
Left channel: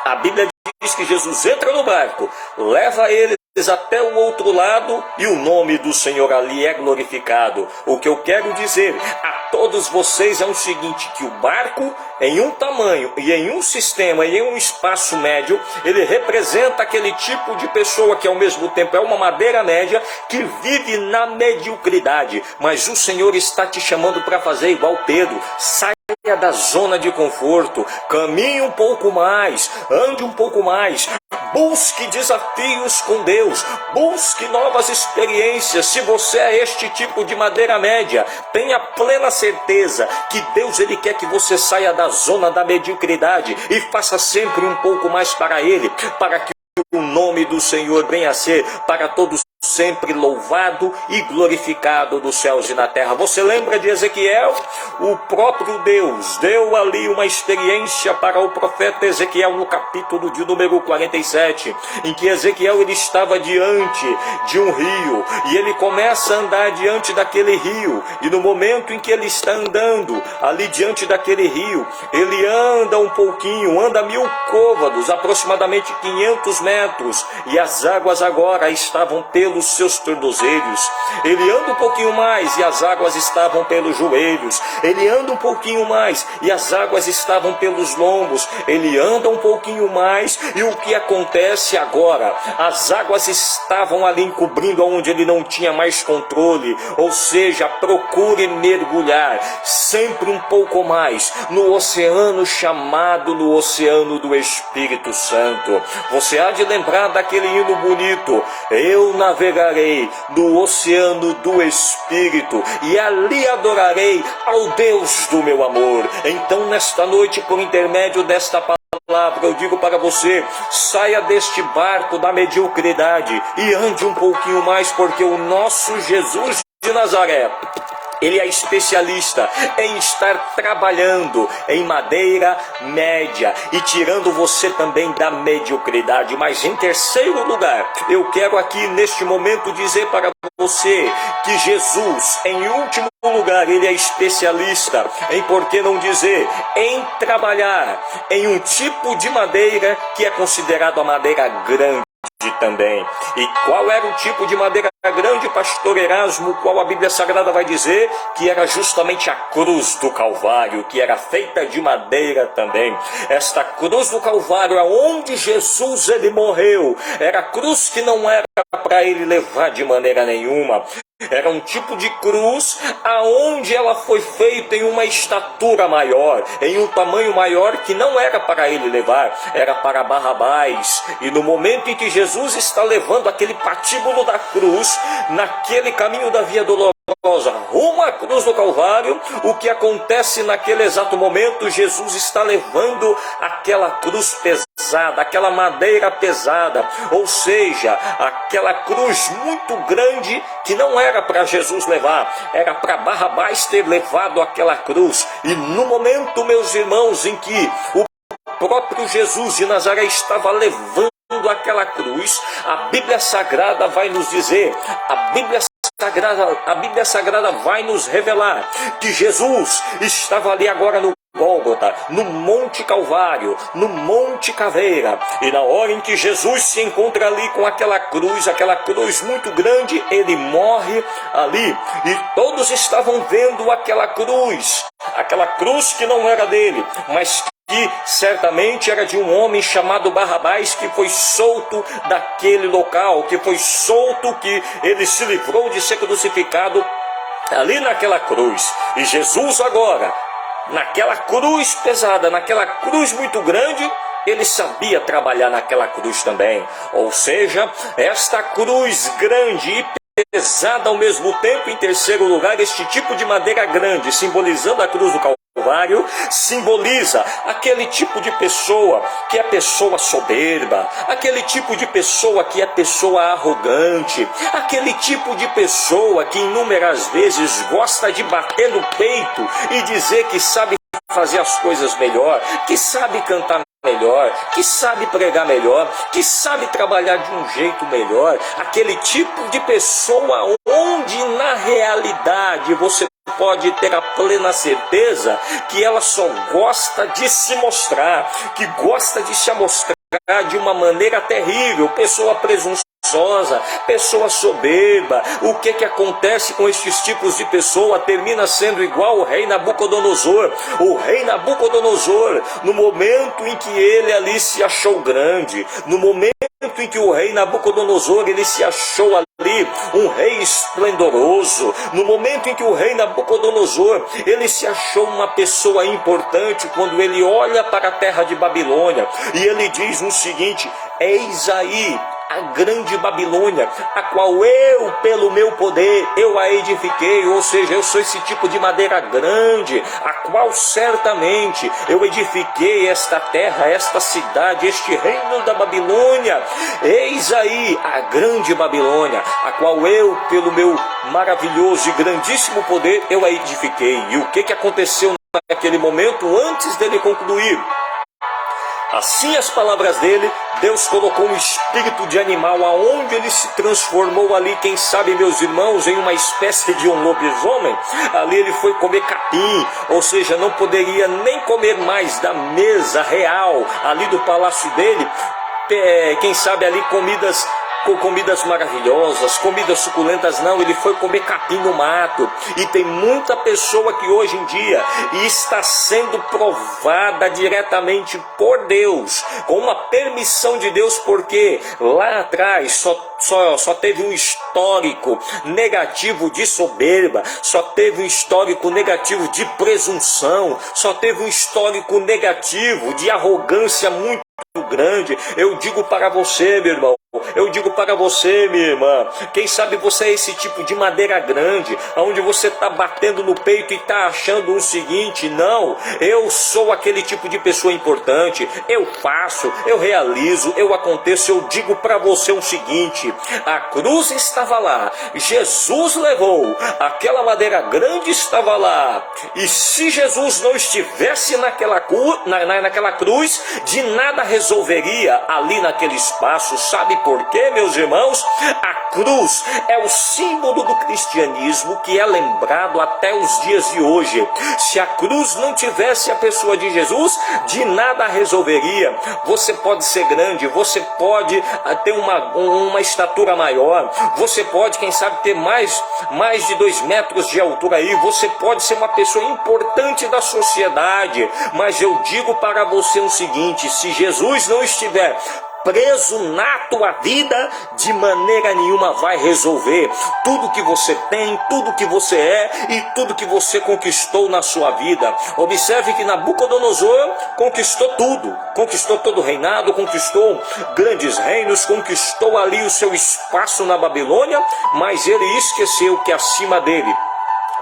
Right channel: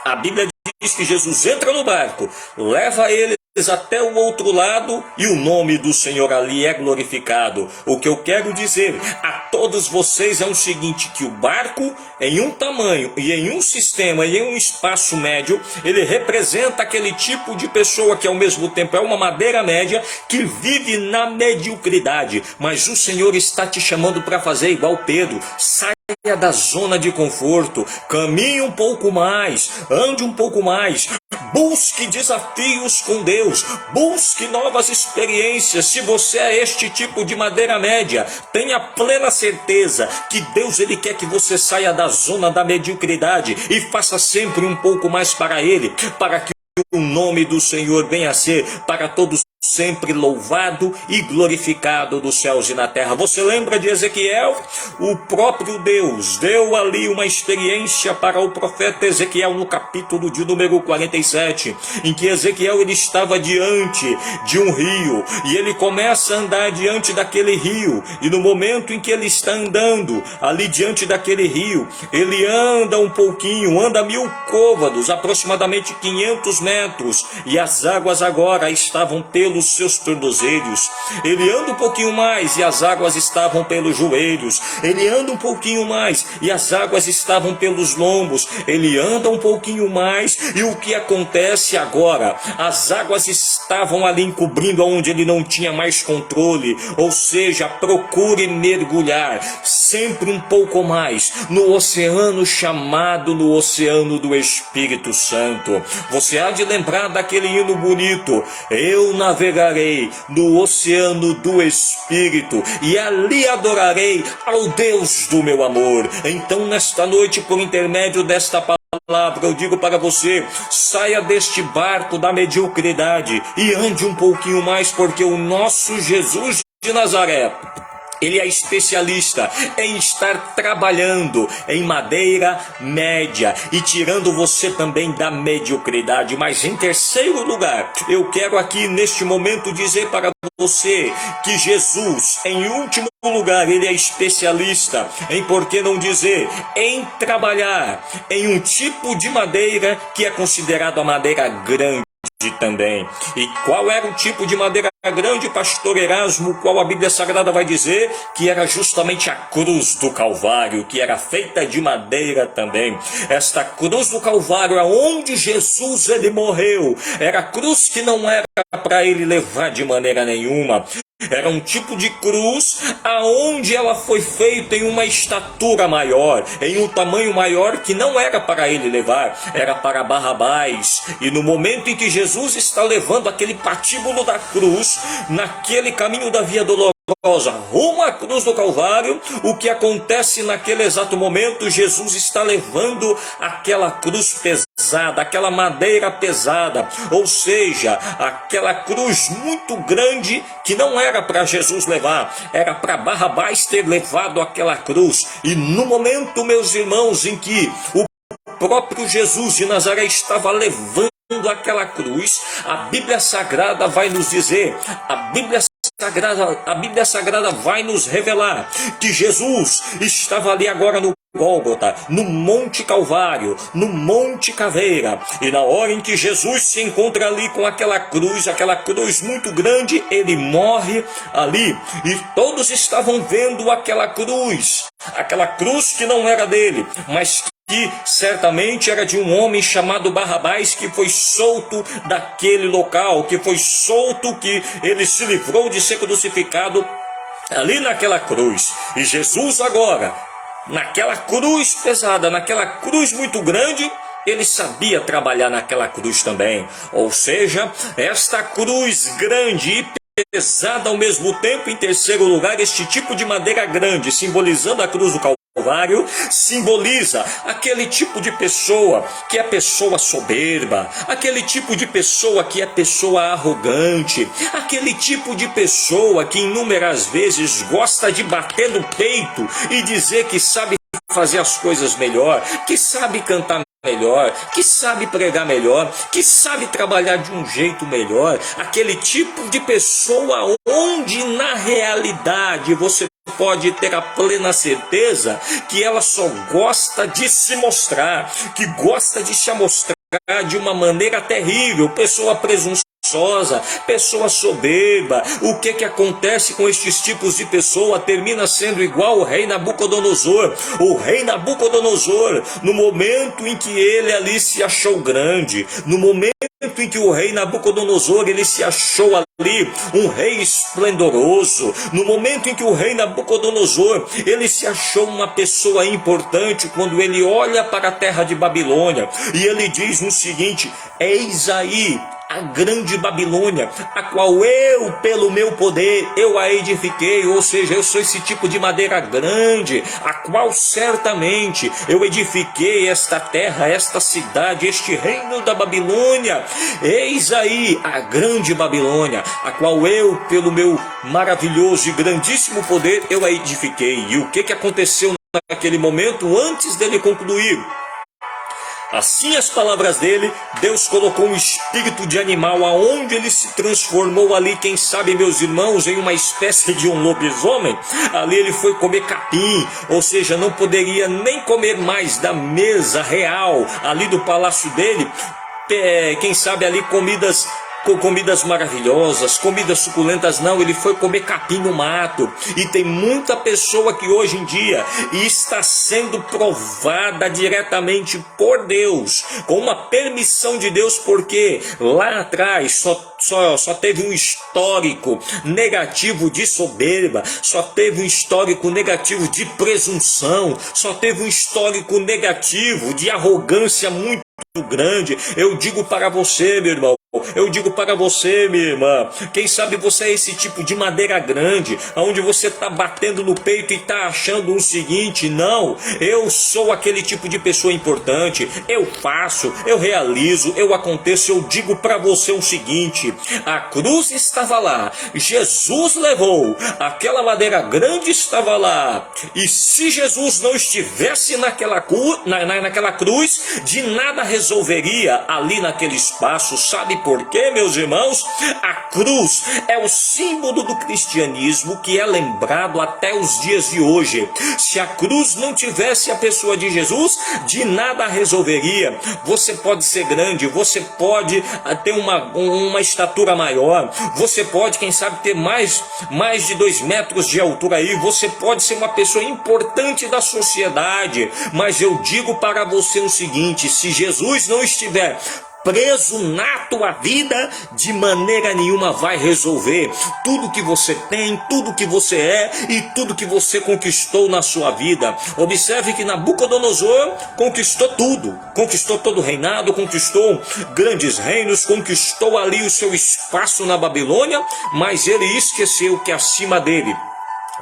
A Bíblia diz que Jesus entra no barco, leva eles até o outro lado, e o nome do Senhor ali é glorificado. O que eu quero dizer a todos vocês é o seguinte: que o barco, em um tamanho e em um sistema e em um espaço médio, ele representa aquele tipo de pessoa que ao mesmo tempo é uma madeira média, que vive na mediocridade. Mas o Senhor está te chamando para fazer igual Pedro. Saia da zona de conforto, caminhe um pouco mais, ande um pouco mais, busque desafios com Deus, busque novas experiências. Se você é este tipo de madeira média, tenha plena certeza que Deus, ele quer que você saia da zona da mediocridade e faça sempre um pouco mais para Ele, para que o nome do Senhor venha a ser para todos sempre louvado e glorificado dos céus e na terra. Você lembra de Ezequiel? O próprio Deus deu ali uma experiência para o profeta Ezequiel no capítulo de número 47, em que Ezequiel ele estava diante de um rio, e ele começa a andar diante daquele rio, e no momento em que ele está andando ali diante daquele rio, ele anda um pouquinho, anda 1000 côvados, aproximadamente 500 metros, e as águas agora estavam pelo pelos seus tornozelos. Ele anda um pouquinho mais e as águas estavam pelos joelhos. Ele anda um pouquinho mais e as águas estavam pelos lombos. Ele anda um pouquinho mais e o que acontece agora? As águas estavam ali encobrindo onde ele não tinha mais controle. Ou seja, procure mergulhar sempre um pouco mais no oceano chamado no oceano do Espírito Santo. Você há de lembrar daquele hino bonito: eu navegarei no oceano do Espírito e ali adorarei ao Deus do meu amor. Então, nesta noite, por intermédio desta palavra, eu digo para você: saia deste barco da mediocridade e ande um pouquinho mais, porque o nosso Jesus de Nazaré, ele é especialista em estar trabalhando em madeira média e tirando você também da mediocridade. Mas em terceiro lugar, eu quero aqui neste momento dizer para você que Jesus, em último lugar, ele é especialista em, por que não dizer, em trabalhar em um tipo de madeira que é considerado a madeira grande também. E qual era o tipo de madeira grande, pastor Erasmo? Qual a Bíblia Sagrada vai dizer? Que era justamente a cruz do Calvário, que era feita de madeira também. Esta cruz do Calvário, aonde Jesus ele morreu, era a cruz que não era para ele levar de maneira nenhuma. Era um tipo de cruz aonde ela foi feita em uma estatura maior, em um tamanho maior, que não era para ele levar, era para Barrabás. E no momento em que Jesus está levando aquele patíbulo da cruz, naquele caminho da via dolorosa, rumo à cruz do Calvário, o que acontece naquele exato momento? Jesus está levando aquela cruz pesada, aquela madeira pesada, ou seja, aquela cruz muito grande que não era para Jesus levar, era para Barrabás ter levado aquela cruz. E no momento, meus irmãos, em que o próprio Jesus de Nazaré estava levando aquela cruz, a Bíblia Sagrada vai nos dizer, a Bíblia Sagrada vai nos revelar que Jesus estava ali agora no Gólgota, no Monte Calvário, no Monte Caveira. E na hora em que Jesus se encontra ali com aquela cruz muito grande, ele morre ali. E todos estavam vendo aquela cruz que não era dele, mas que certamente era de um homem chamado Barrabás, que foi solto daquele local, que foi solto, que ele se livrou de ser crucificado ali naquela cruz. E Jesus agora, naquela cruz pesada, naquela cruz muito grande, ele sabia trabalhar naquela cruz também. Ou seja, esta cruz grande e pesada ao mesmo tempo. Em terceiro lugar, este tipo de madeira grande, simbolizando a cruz do Calvário, simboliza aquele tipo de pessoa que é pessoa soberba, aquele tipo de pessoa que é pessoa arrogante, aquele tipo de pessoa que inúmeras vezes gosta de bater no peito e dizer que sabe fazer as coisas melhor, que sabe cantar melhor, que sabe pregar melhor, que sabe trabalhar de um jeito melhor. Aquele tipo de pessoa onde na realidade você pode ter a plena certeza que ela só gosta de se mostrar, que gosta de se mostrar de uma maneira terrível, pessoa presunçosa, pessoa soberba. O que acontece com estes tipos de pessoa? Termina sendo igual o rei Nabucodonosor. O rei Nabucodonosor, no momento em que ele ali se achou grande, no momento em que o rei Nabucodonosor ele se achou ali um rei esplendoroso, no momento em que o rei Nabucodonosor ele se achou uma pessoa importante, quando ele olha para a terra de Babilônia e ele diz o seguinte: eis aí a grande Babilônia, a qual eu, pelo meu poder, eu a edifiquei. Ou seja, eu sou esse tipo de madeira grande, a qual certamente eu edifiquei esta terra, esta cidade, este reino da Babilônia. Eis aí a grande Babilônia, a qual eu, pelo meu maravilhoso e grandíssimo poder, eu a edifiquei. E o que aconteceu naquele momento, antes dele concluir? Assim as palavras dele, Deus colocou um espírito de animal aonde ele se transformou ali, quem sabe, meus irmãos, em uma espécie de um lobisomem. Ali ele foi comer capim, ou seja, não poderia nem comer mais da mesa real ali do palácio dele. Quem sabe ali comidas com comidas maravilhosas, comidas suculentas, não, ele foi comer capim no mato. E tem muita pessoa que hoje em dia está sendo provada diretamente por Deus, com uma permissão de Deus, porque lá atrás só teve um histórico negativo de soberba, só teve um histórico negativo de presunção, só teve um histórico negativo de arrogância muito grande. Eu digo para você, meu irmão, eu digo para você, minha irmã, quem sabe você é esse tipo de madeira grande, onde você está batendo no peito e está achando o seguinte: não, eu sou aquele tipo de pessoa importante, eu faço, eu realizo, eu aconteço. Eu digo para você o seguinte: a cruz estava lá, Jesus levou, aquela madeira grande estava lá, e se Jesus não estivesse naquela cruz, de nada resolveria ali naquele espaço. Sabe por quê, meus irmãos? A cruz é o símbolo do cristianismo que é lembrado até os dias de hoje. Se a cruz não tivesse a pessoa de Jesus, de nada resolveria. Você pode ser grande, você pode ter uma estatura maior, você pode, quem sabe, ter mais de 2 metros de altura aí, você pode ser uma pessoa importante da sociedade, mas eu digo para você o seguinte: se Jesus não estiver preso na tua vida, de maneira nenhuma vai resolver. Tudo que você tem, tudo que você é e tudo que você conquistou na sua vida. Observe que Nabucodonosor conquistou tudo, conquistou todo o reinado, conquistou grandes reinos, conquistou ali o seu espaço na Babilônia, mas ele esqueceu que acima dele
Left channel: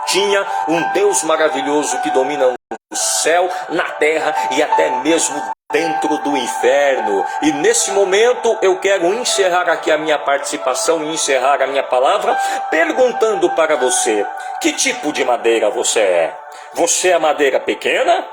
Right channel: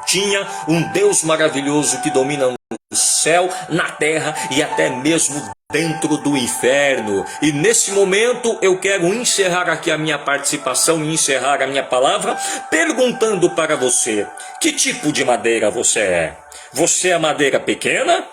tinha um Deus maravilhoso que domina o céu, na terra e até mesmo dentro do inferno. E nesse momento eu quero encerrar aqui a minha participação e encerrar a minha palavra perguntando para você: que tipo de madeira você é? Você é a madeira pequena?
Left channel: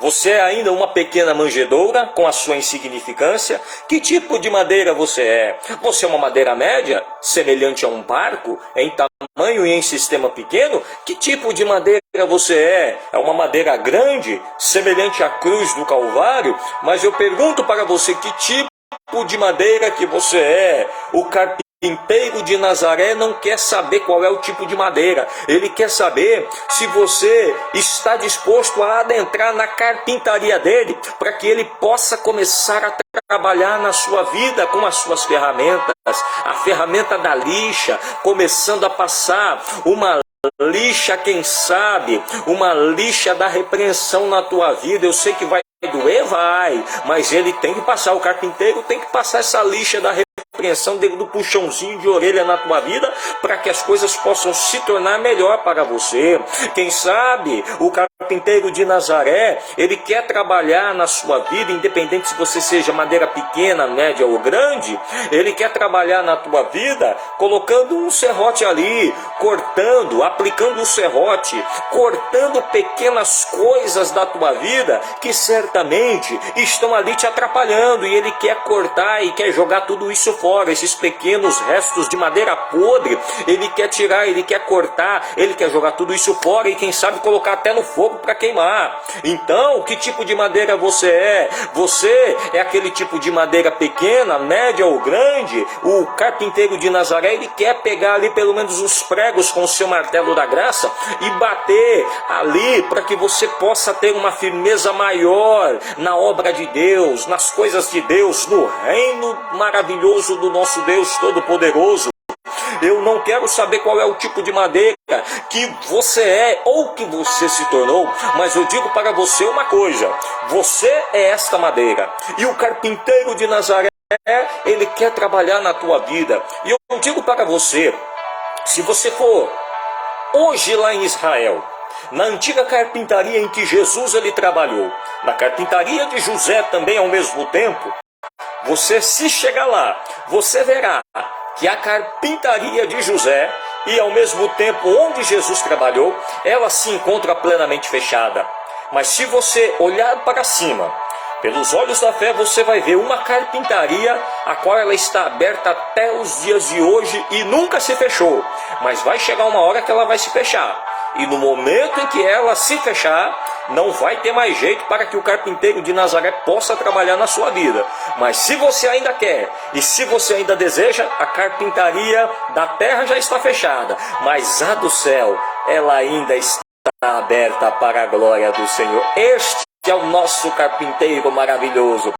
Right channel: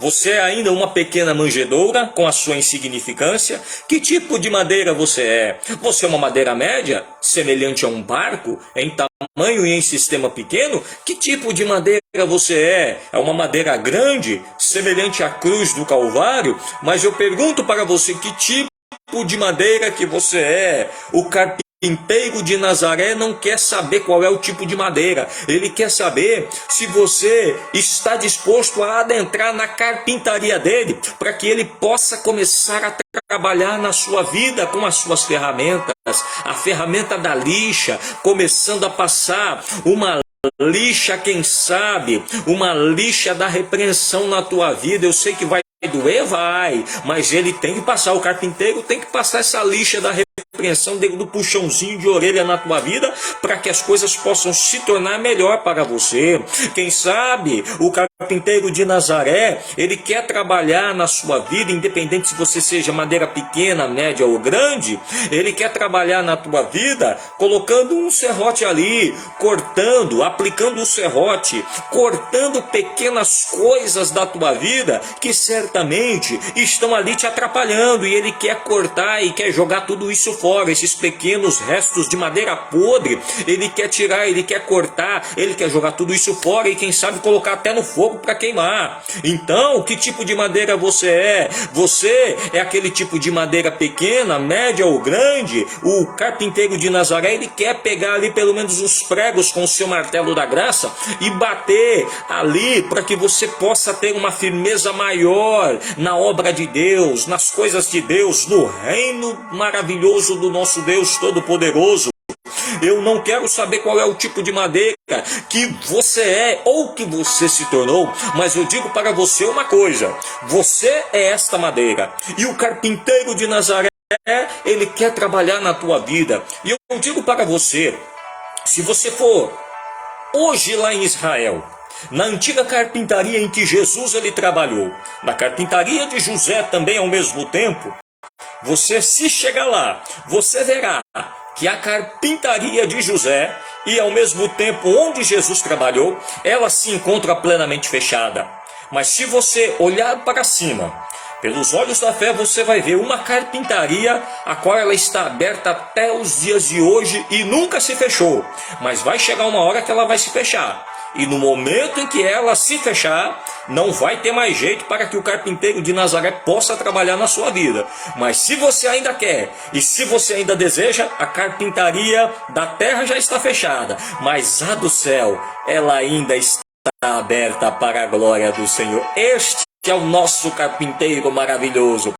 Você é ainda uma pequena manjedoura com a sua insignificância? Que tipo de madeira você é? Você é uma madeira média, semelhante a um barco, em tamanho e em sistema pequeno? Que tipo de madeira você é? É uma madeira grande, semelhante à cruz do Calvário? Mas eu pergunto para você: que tipo de madeira que você é? O carpinteiro de Nazaré não quer saber qual é o tipo de madeira. Ele quer saber se você está disposto a adentrar na carpintaria dele, para que ele possa começar a trabalhar na sua vida com as suas ferramentas, a ferramenta da lixa, começando a passar uma lixa, quem sabe, uma lixa da repreensão na tua vida. Eu sei que vai doer, vai, mas ele tem que passar, o carpinteiro tem que passar essa lixa da repreensão do puxãozinho de orelha na tua vida, para que as coisas possam se tornar melhor para você. Quem sabe o carpinteiro de Nazaré, ele quer trabalhar na sua vida, independente se você seja madeira pequena, média ou grande, ele quer trabalhar na tua vida colocando um serrote ali, cortando, aplicando o serrote, cortando pequenas coisas da tua vida que certamente estão ali te atrapalhando, e ele quer cortar e quer jogar tudo isso fora, esses pequenos restos de madeira podre, ele quer tirar, ele quer cortar, ele quer jogar tudo isso fora e quem sabe colocar até no fogo para queimar. Então, que tipo de madeira você é? Você é aquele tipo de madeira pequena, média ou grande? O carpinteiro de Nazaré, ele quer pegar ali pelo menos os pregos com o seu martelo da graça e bater ali, para que você possa ter uma firmeza maior na obra de Deus, nas coisas de Deus, no reino maravilhoso do nosso Deus Todo-Poderoso. Eu não quero saber qual é o tipo de madeira que você é ou que você se tornou, mas eu digo para você uma coisa: você é esta madeira, e o carpinteiro de Nazaré, ele quer trabalhar na tua vida. E eu digo para você, se você for hoje lá em Israel, na antiga carpintaria em que Jesus ele trabalhou, na carpintaria de José também ao mesmo tempo, você, se chegar lá, você verá que a carpintaria de José e ao mesmo tempo onde Jesus trabalhou, ela se encontra plenamente fechada. Mas se você olhar para cima, pelos olhos da fé, você vai ver uma carpintaria a qual ela está aberta até os dias de hoje e nunca se fechou. Mas vai chegar uma hora que ela vai se fechar. E no momento em que ela se fechar, não vai ter mais jeito para que o carpinteiro de Nazaré possa trabalhar na sua vida. Mas se você ainda quer e se você ainda deseja, a carpintaria da terra já está fechada, mas a do céu, ela ainda está aberta para a glória do Senhor. Este é o nosso carpinteiro maravilhoso.